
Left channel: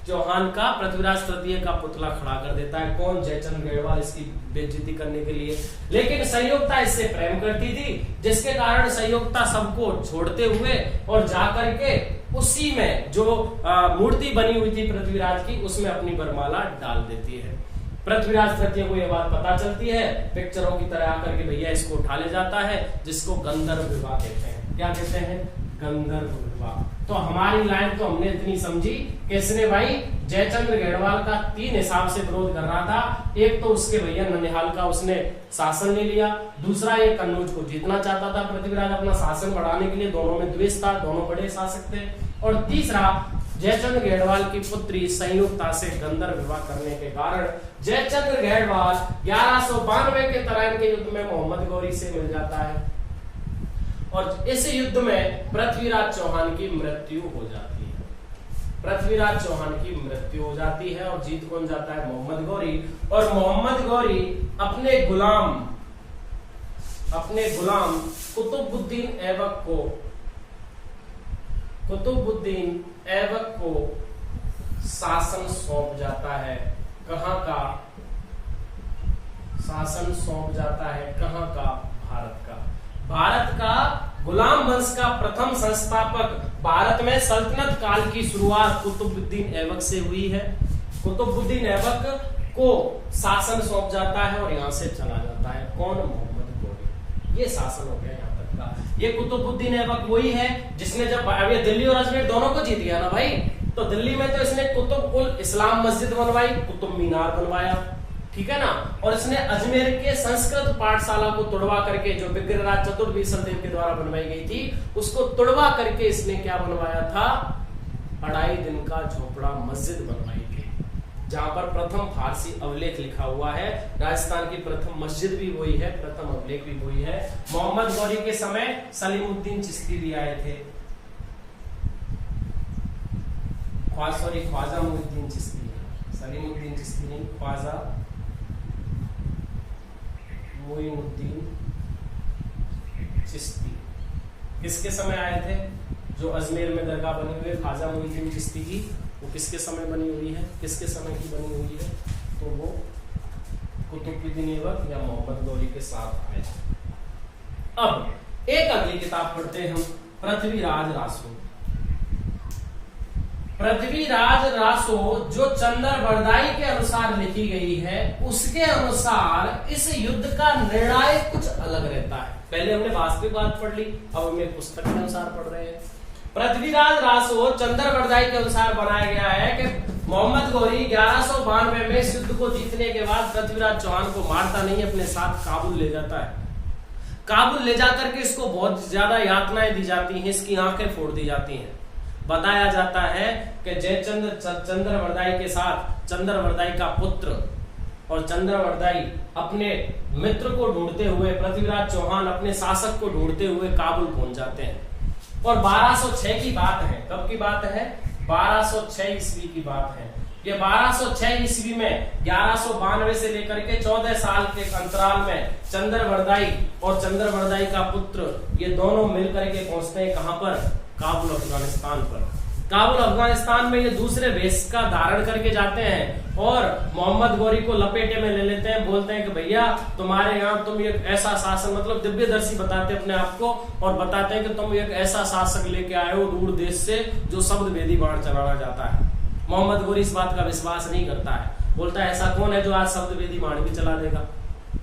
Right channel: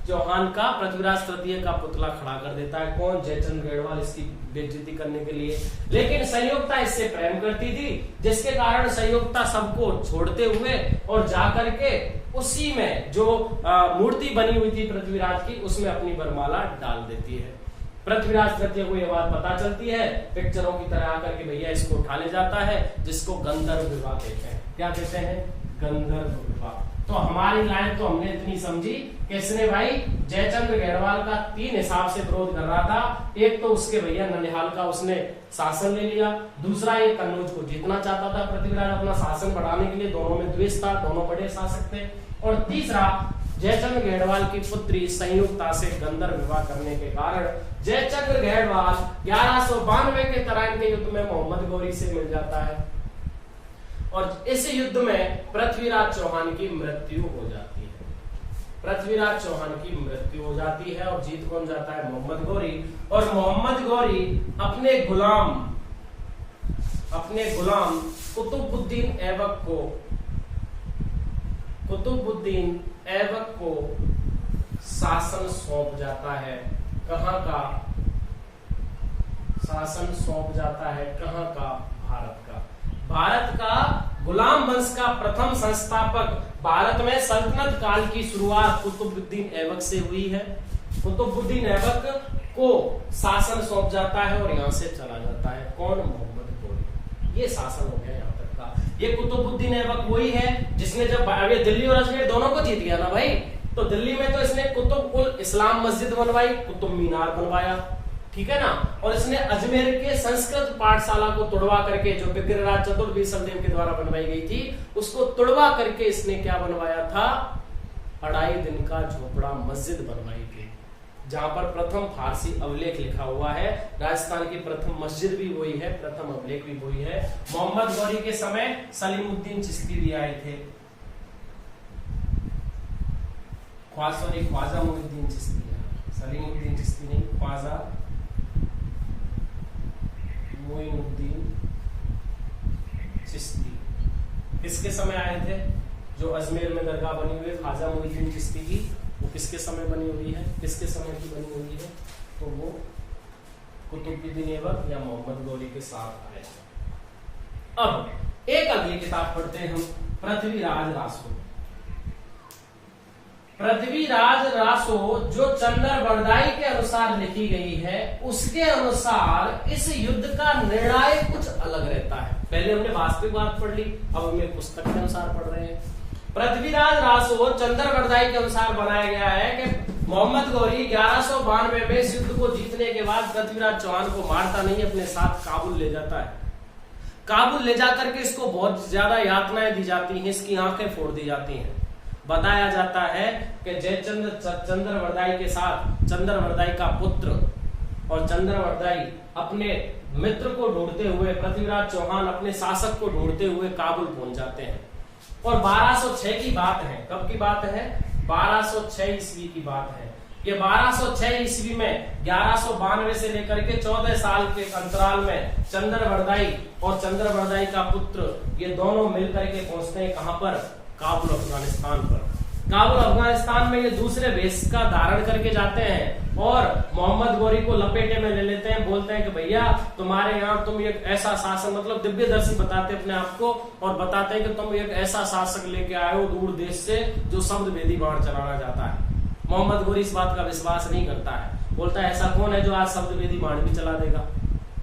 चौहान का, पृथ्वीराज तृतीय का पुतला खड़ा कर देता है। कौन? जयचंद्र गढ़वाल, इसकी बेइज्जती करने के लिए। लेकिन संयोगता इससे प्रेम करती थी, जिसके कारण संयोगता सबको छोड़ते हुए और जाकर के उसी में जो मूर्ति बनी हुई थी पृथ्वीराज की, उसमें अपनी वरमाला डाल देती है। पृथ्वीराज तृतीय को यह बात पता चलती है, पिक्चरों की तरह आकर के भैया इसको उठा ले जाता है, जिसको गंधर्व विवाह कहते हैं। क्या कहते हैं? गंधर्व विवाह। तो हमारी लाइन तो हमने इतनी समझी कि इसने भाई जयचंद्र गढ़वाल का तीन हिसाब से विरोध कर रहा था। एक तो उसके भैया ननिहाल का उसने शासन ले लिया, दूसरा एक कन्नौज को जीतना चाहता था पृथ्वीराज अपना शासन बढ़ाने के लिए, दोनों में द्वेष था, दोनों बड़े शासक थे। और तीसरा, जयचंद्र गढ़वाल की पुत्री संयुक्ता से गंधर्व विवाह करने के कारण जयचंद्र गढ़वाल 1192 के तराइन के युद्ध में मोहम्मद गौरी से मिल जाता है और इस युद्ध में पृथ्वीराज चौहान की मृत्यु हो जाती है। पृथ्वीराज चौहान की मृत्यु हो जाती है और जीत कौन जाता है? मोहम्मद गौरी। और मोहम्मद गौरी अपने गुलाम कुतुबुद्दीन ऐबक को शासन सौंप जाता है। कहां का शासन सौंप जाता है? कहां का? भारत का। भारत का गुलाम वंश का प्रथम संस्थापक, भारत में सल्तनत काल की शुरुआत कुतुबुद्दीन ऐबक से हुई है। कुतुबुद्दीन ऐबक को शासन सौंप जाता है और यहां से चला जाता है। कौन? मोहम्मद गौरी। ये शासन हो गया यहाँ तक का। ये कुतुबुद्दीन ऐबक वही है जिसने जब अब ये दिल्ली और अजमेर दोनों को जीत गया ना भाई, तो दिल्ली में तो इसने कुतुब उल इस्लाम मस्जिद बनवाई, कुतुब मीनार बनवाया, ठीक है ना। और इसने अजमेर के संस्कृत पाठशाला को तोड़वा करके, जो विग्रहराज चतुर्वेशदेव के द्वारा बनवाई गई थी, उसको तोड़वा करके इसने क्या बनवाया था? 2.5 दिन का झोपड़ा मस्जिद बनवाई थी, जहां पर प्रथम फारसी अभिलेख लिखा हुआ है। राजस्थान की प्रथम मस्जिद भी वही है, प्रथम अभिलेख भी वही है। मोहम्मद गौरी के समय सलीमुद्दीन चिश्ती भी आए थे, ख्वाजा मुइनुद्दीन चिश्ती, सलीमुद्दीन चिश्ती नहीं, ख्वाजा मुइनुद्दीन चिश्ती किसके समय आए थे? जो अजमेर में दरगाह बनी हुई है ख्वाजा मुइनुद्दीन चिश्ती की, वो किसके समय बनी हुई है? किसके समय की बनी हुई है? तो वो कुतुबुद्दीन ऐबक या मोहम्मद गौरी के साथ आए। अब एक अगली किताब पढ़ते हैं हम, पृथ्वीराज रासो। पृथ्वीराज रासो जो चंदर बरदाई के अनुसार लिखी गई है, उसके अनुसार इस युद्ध का निर्णय कुछ अलग रहता है। पहले हमने वास्तविक बात पढ़ ली, अब हम एक पुस्तक के अनुसार पढ़ रहे हैं। पृथ्वीराज रासो चंदर बरदाई के अनुसार बनाया गया है कि मोहम्मद गौरी 1192 में इस युद्ध को जीतने के बाद पृथ्वीराज चौहान को मारता नहीं, अपने साथ काबुल ले जाता है। काबुल ले जाकर के इसको बहुत ज्यादा यातनाएं दी जाती हैं, इसकी आंखें फोड़ दी जाती हैं। बताया जाता है कि जयचंद्र चंद्रवरदाई के साथ चंद्रवरदाई का पुत्र और चंद्रवरदाई अपने मित्र को ढूंढते हुए, पृथ्वीराज चौहान अपने शासक को ढूंढते हुए काबुल पहुंच जाते हैं। और 1206 की बात है, कब की बात है? 1206 ईस्वी की बात है। ये 1206 ईस्वी में 1192 से लेकर के 14 साल के अंतराल में चंद्रवरदाई और चंद्रवरदाई का पुत्र ये दोनों मिलकर के पहुंचते हैं कहां पर? काबुल, अफगानिस्तान पर। काबुल अफगानिस्तान में ये दूसरे वेश का धारण करके जाते हैं और मोहम्मद गौरी को लपेटे में ले लेते हैं। बोलते हैं कि भैया तुम्हारे यहाँ तुम एक ऐसा शासक, मतलब दिव्यदर्शी बताते अपने आप को, और बताते हैं कि तुम एक ऐसा शासक लेके आए हो दूर देश से जो शब्द वेदी बाण चलाना चाहता है। मोहम्मद गौरी इस बात का विश्वास नहीं करता है, बोलता है ऐसा कौन है जो आज शब्द वेदी बाण भी चला देगा,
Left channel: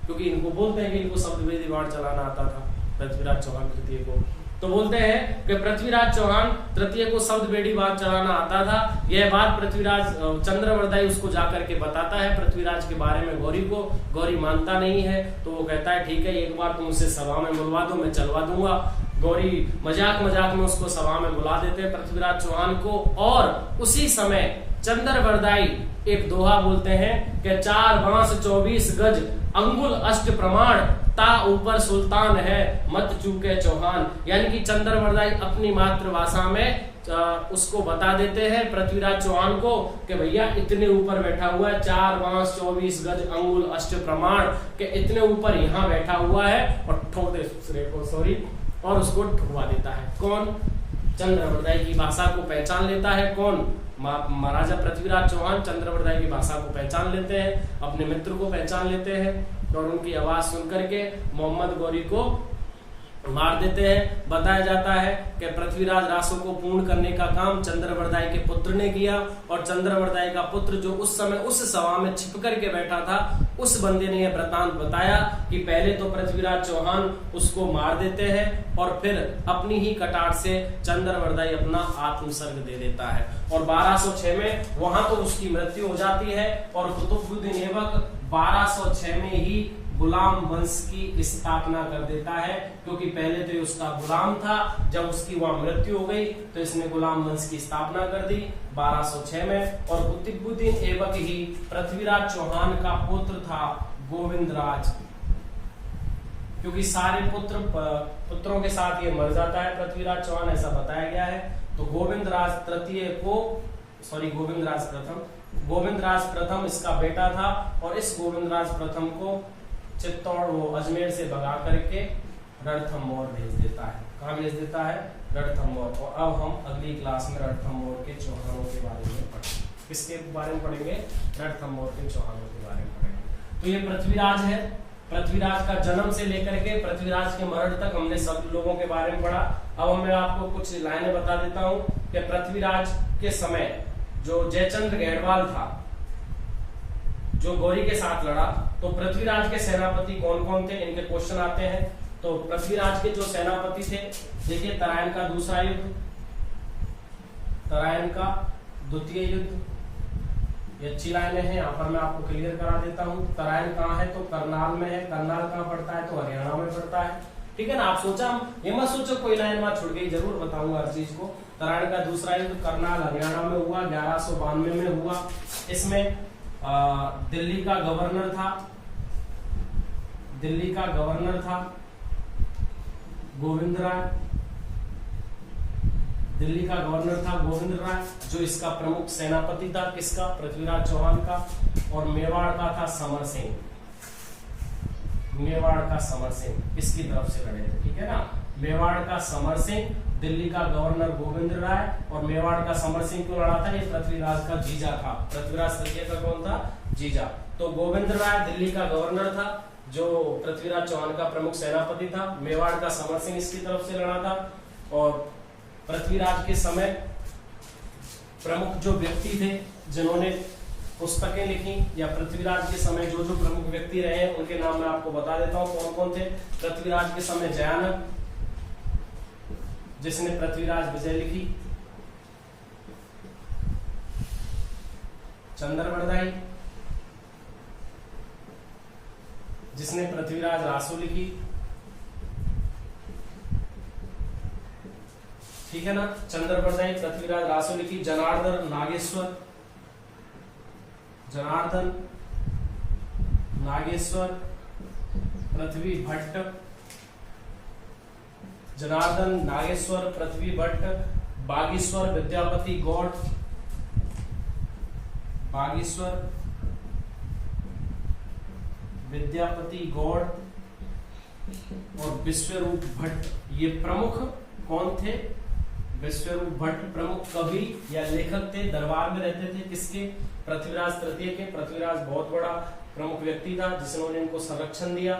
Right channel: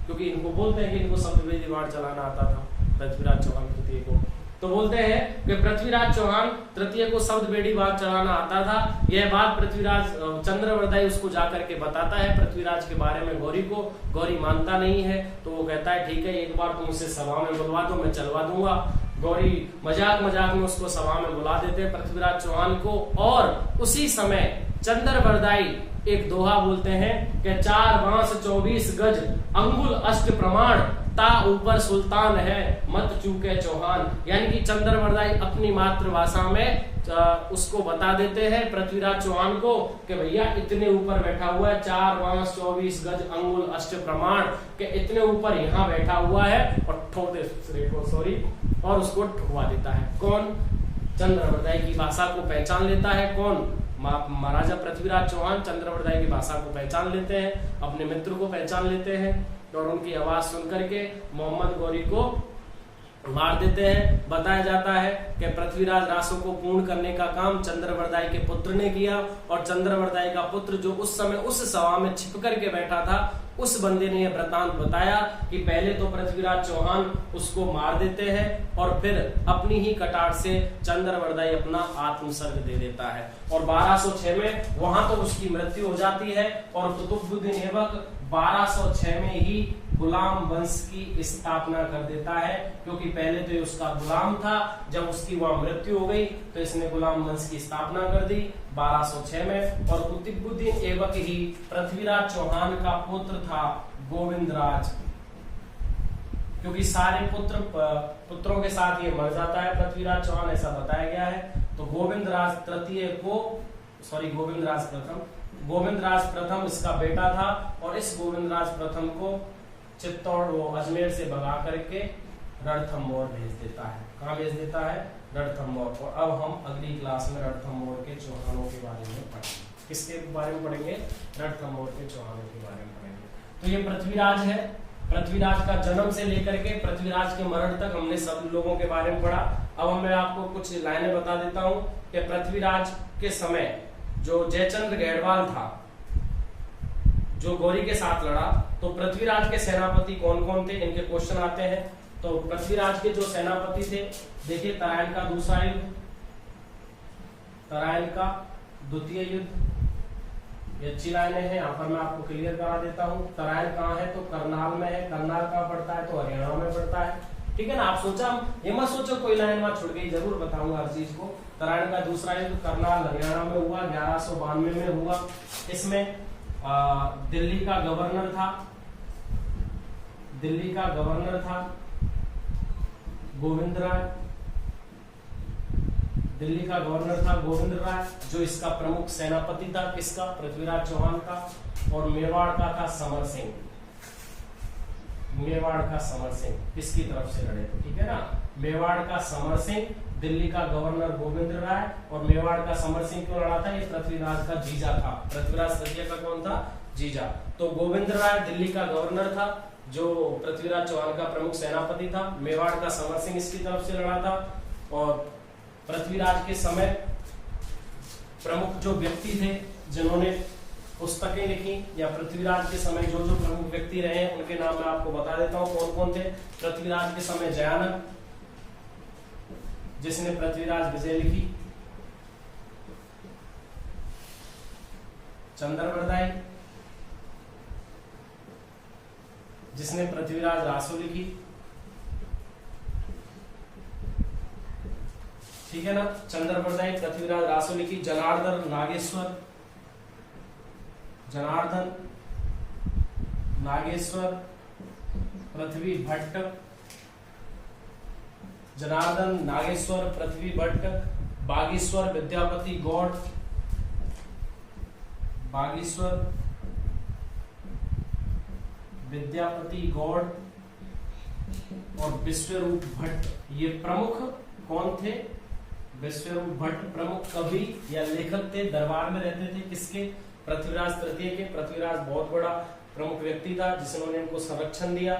क्योंकि इनको बोलते हैं कि इनको शब्द वेदी बाण चलाना आता था पृथ्वीराज चौहान तृतीय को। तो बोलते हैं कि पृथ्वीराज चौहान तृतीय को शब्द वेदी बाण चलाना आता था। यह बात पृथ्वीराज चंद्रवरदाई उसको जाकर के बताता है पृथ्वीराज के बारे में गौरी को। गौरी मानता नहीं है, तो वो कहता है ठीक है एक बार तुम उसे सभा में बुलवा दो, मैं चलवा दूंगा। गौरी मजाक मजाक में उसको सभा में बुला देते हैं पृथ्वीराज चौहान को, और उसी समय चंद्रवरदाई एक दोहा बोलते हैं कि 4 बांस 24 गज अंगुल अष्ट प्रमाण ता ऊपर सुल्तान है मत चूके चौहान। यानी कि चंद्रवरदाई अपनी मातृभाषा में उसको बता देते हैं पृथ्वीराज चौहान को कि भैया इतने ऊपर बैठा हुआ है, 4 बांस 24 गज अंगुल अष्ट प्रमाण के इतने ऊपर यहाँ बैठा हुआ है, और ठोक दे दूसरे को, सॉरी, और उसको ठुकवा देता है। कौन? चंद्रवरदाई की भाषा को पहचान लेता है। कौन? महाराजा पृथ्वीराज चौहान चंद्रवरदाई की भाषा को पहचान लेते हैं, अपने मित्र को पहचान लेते हैं, और उनकी आवाज सुनकर के मोहम्मद गौरी को मार देते हैं। बताया जाता है कि पृथ्वीराज रासों को पूर्ण करने का काम चंद्रवरदाई के पुत्र ने किया, और चंद्रवरदाई का पुत्र जो उस समय उस सभा में छिप करके बैठा था, उस बंदे ने यह वृतांत बताया कि पहले तो पृथ्वीराज चौहान उसको मार देते हैं और फिर अपनी ही कटार से चंद्रवरदाई अपना आत्मसर्ग दे देता है। और 1206 में वहां तो उसकी मृत्यु हो जाती है, और कुतुबुद्दीन ऐबक 1206 में ही गुलाम वंश की स्थापना कर देता है, क्योंकि पहले तो ये उसका गुलाम था, जब उसकी वहां मृत्यु हो गई तो इसने गुलाम वंश की स्थापना कर दी 1206 में। और कुतुबुद्दीन ऐबक ही पृथ्वीराज चौहान का पुत्र था गोविंदराज, क्योंकि सारे पुत्रों के साथ ये मर जाता है पृथ्वीराज चौहान, ऐसा बताया गया है। तो गोविंदराज प्रथम इसका बेटा था, और इस गोविंदराज प्रथम को चित्तौड़ वो अजमेर से भगा करके रणथंभौर भेज देता है। कहाँ भेज देता है? रणथंभौर। और अब हम अगली क्लास में रणथंभौर के चौहानों के बारे में पढ़ेंगे। किसके बारे में पढ़ेंगे? रणथंभौर के चौहानों के बारे में पढ़ेंगे। तो ये पृथ्वीराज है। पृथ्वीराज का जन्म से लेकर के पृथ्वीराज के मरण तक हमने सब लोगों के बारे में पढ़ा। अब मैं आपको कुछ लाइनें बता देता हूँ कि पृथ्वीराज के समय जो जयचंद्र गढ़वाल था, जो गौरी के साथ लड़ा, तो पृथ्वीराज के सेनापति कौन कौन थे, इनके क्वेश्चन आते हैं। तो पृथ्वीराज के जो सेनापति थे, देखिए तराइन का दूसरा युद्ध, तराइन का द्वितीय युद्ध, ये अच्छी लाइनें हैं, यहाँ पर मैं आपको क्लियर करा देता हूँ। तराइन कहाँ है? तो करनाल में है। करनाल कहाँ पड़ता है? तो हरियाणा में पड़ता है। ठीक है ना? आप सोचा, ये मत सोचो कोई लाइन वहां छुट गई, जरूर बताऊंगा हर चीज को। तराइन का दूसरा युद्ध करनाल हरियाणा में हुआ, 1192 में हुआ। इसमें दिल्ली का गवर्नर था गोविंद राय। दिल्ली का गवर्नर था गोविंद राय, जो इसका प्रमुख सेनापति था। किसका? पृथ्वीराज चौहान का। और मेवाड़ का था समर सिंह। मेवाड़ का समर सिंह इसकी तरफ से लड़े थे। ठीक है ना? मेवाड़ का समर सिंह, दिल्ली का गवर्नर गोविंद राय, और मेवाड़ का समर सिंह क्यों लड़ा था? ये पृथ्वीराज का जीजा था। पृथ्वीराज तृतीय का कौन था? जीजा। तो गोविंद राय दिल्ली का गवर्नर था, जो पृथ्वीराज चौहान का प्रमुख सेनापति था। मेवाड़ का समर सिंह इसकी तरफ से लड़ा था। और पृथ्वीराज के समय प्रमुख जो व्यक्ति थे जिन्होंने पुस्तकें लिखी, या पृथ्वीराज के समय जो जो प्रमुख व्यक्ति रहे हैं उनके नाम मैं आपको बता देता हूँ कौन कौन थे। पृथ्वीराज के समय जयानक, जिसने पृथ्वीराज विजय लिखी। चंद्रवरदाई, जिसने पृथ्वीराज रासो लिखी। ठीक है ना? चंद्रवरदाई, पृथ्वीराज रासो लिखी। जनार्दन नागेश्वर, जनार्दन नागेश्वर पृथ्वी भट्ट, जनार्दन नागेश्वर पृथ्वी भट्ट, बागेश्वर विद्यापति गौड़, बागेश्वर विद्यापति गौड़ और विश्वरूप भट्ट, ये प्रमुख कौन थे? विश्वरूप भट्ट प्रमुख कवि या लेखक थे, दरबार में रहते थे किसके? पृथ्वीराज तृतीय के। पृथ्वीराज बहुत बड़ा प्रमुख व्यक्ति था जिन्होंने इनको संरक्षण दिया।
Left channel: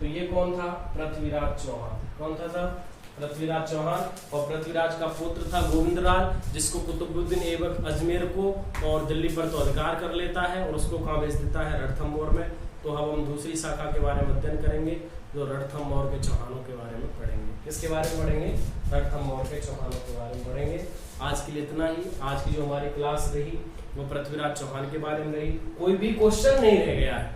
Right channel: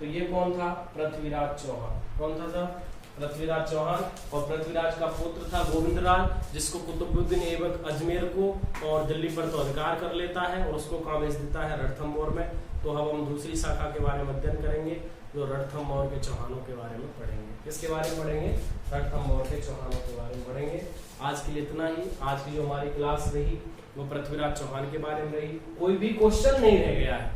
तो ये कौन था? पृथ्वीराज चौहान। कौन था? पृथ्वीराज चौहान। और पृथ्वीराज का पुत्र था गोविंदराज, जिसको कुतुबुद्दीन ऐबक अजमेर को और दिल्ली पर तो अधिकार कर लेता है और उसको कहां भेज देता है? रणथंभौर में। तो अब हम दूसरी शाखा के बारे में अध्ययन करेंगे, जो रणथंभौर के चौहानों के बारे में पढ़ेंगे। किसके बारे में पढ़ेंगे? रणथंभौर के चौहानों के बारे में पढ़ेंगे। आज के लिए इतना ही। आज की जो हमारी क्लास रही वो पृथ्वीराज चौहान के बारे में रही। कोई भी क्वेश्चन नहीं रह गया है,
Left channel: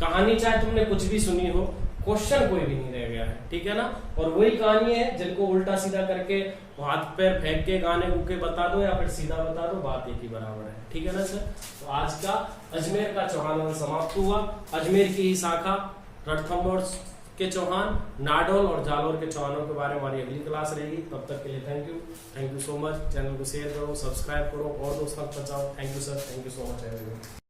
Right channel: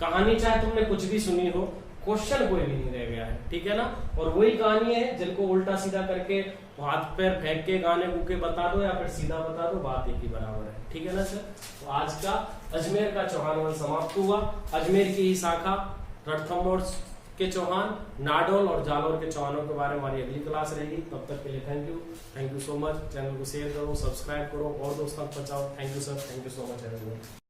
कहानी चाहे तुमने कुछ भी सुनी हो, क्वेश्चन कोई भी नहीं रह गया है, ठीक है ना। और वही कहानी है जिनको उल्टा सीधा करके हाथ पैर फेंक के गाने गुके बता दो या फिर सीधा बता दो, बात एक ही बराबर है, ठीक है ना सर। तो आज का अजमेर का चौहान वंश समाप्त हुआ। अजमेर की ही शाखा रणथंभौर के चौहान, नाडोल और जालोर के चौहानों के बारे में हमारी अगली क्लास रहेगी। तब तक के लिए thank you so much. Channel को शेयर करो, सब्सक्राइब करो और दोस्तों तक पहुंचाओ। Thank you sir, thank you so much.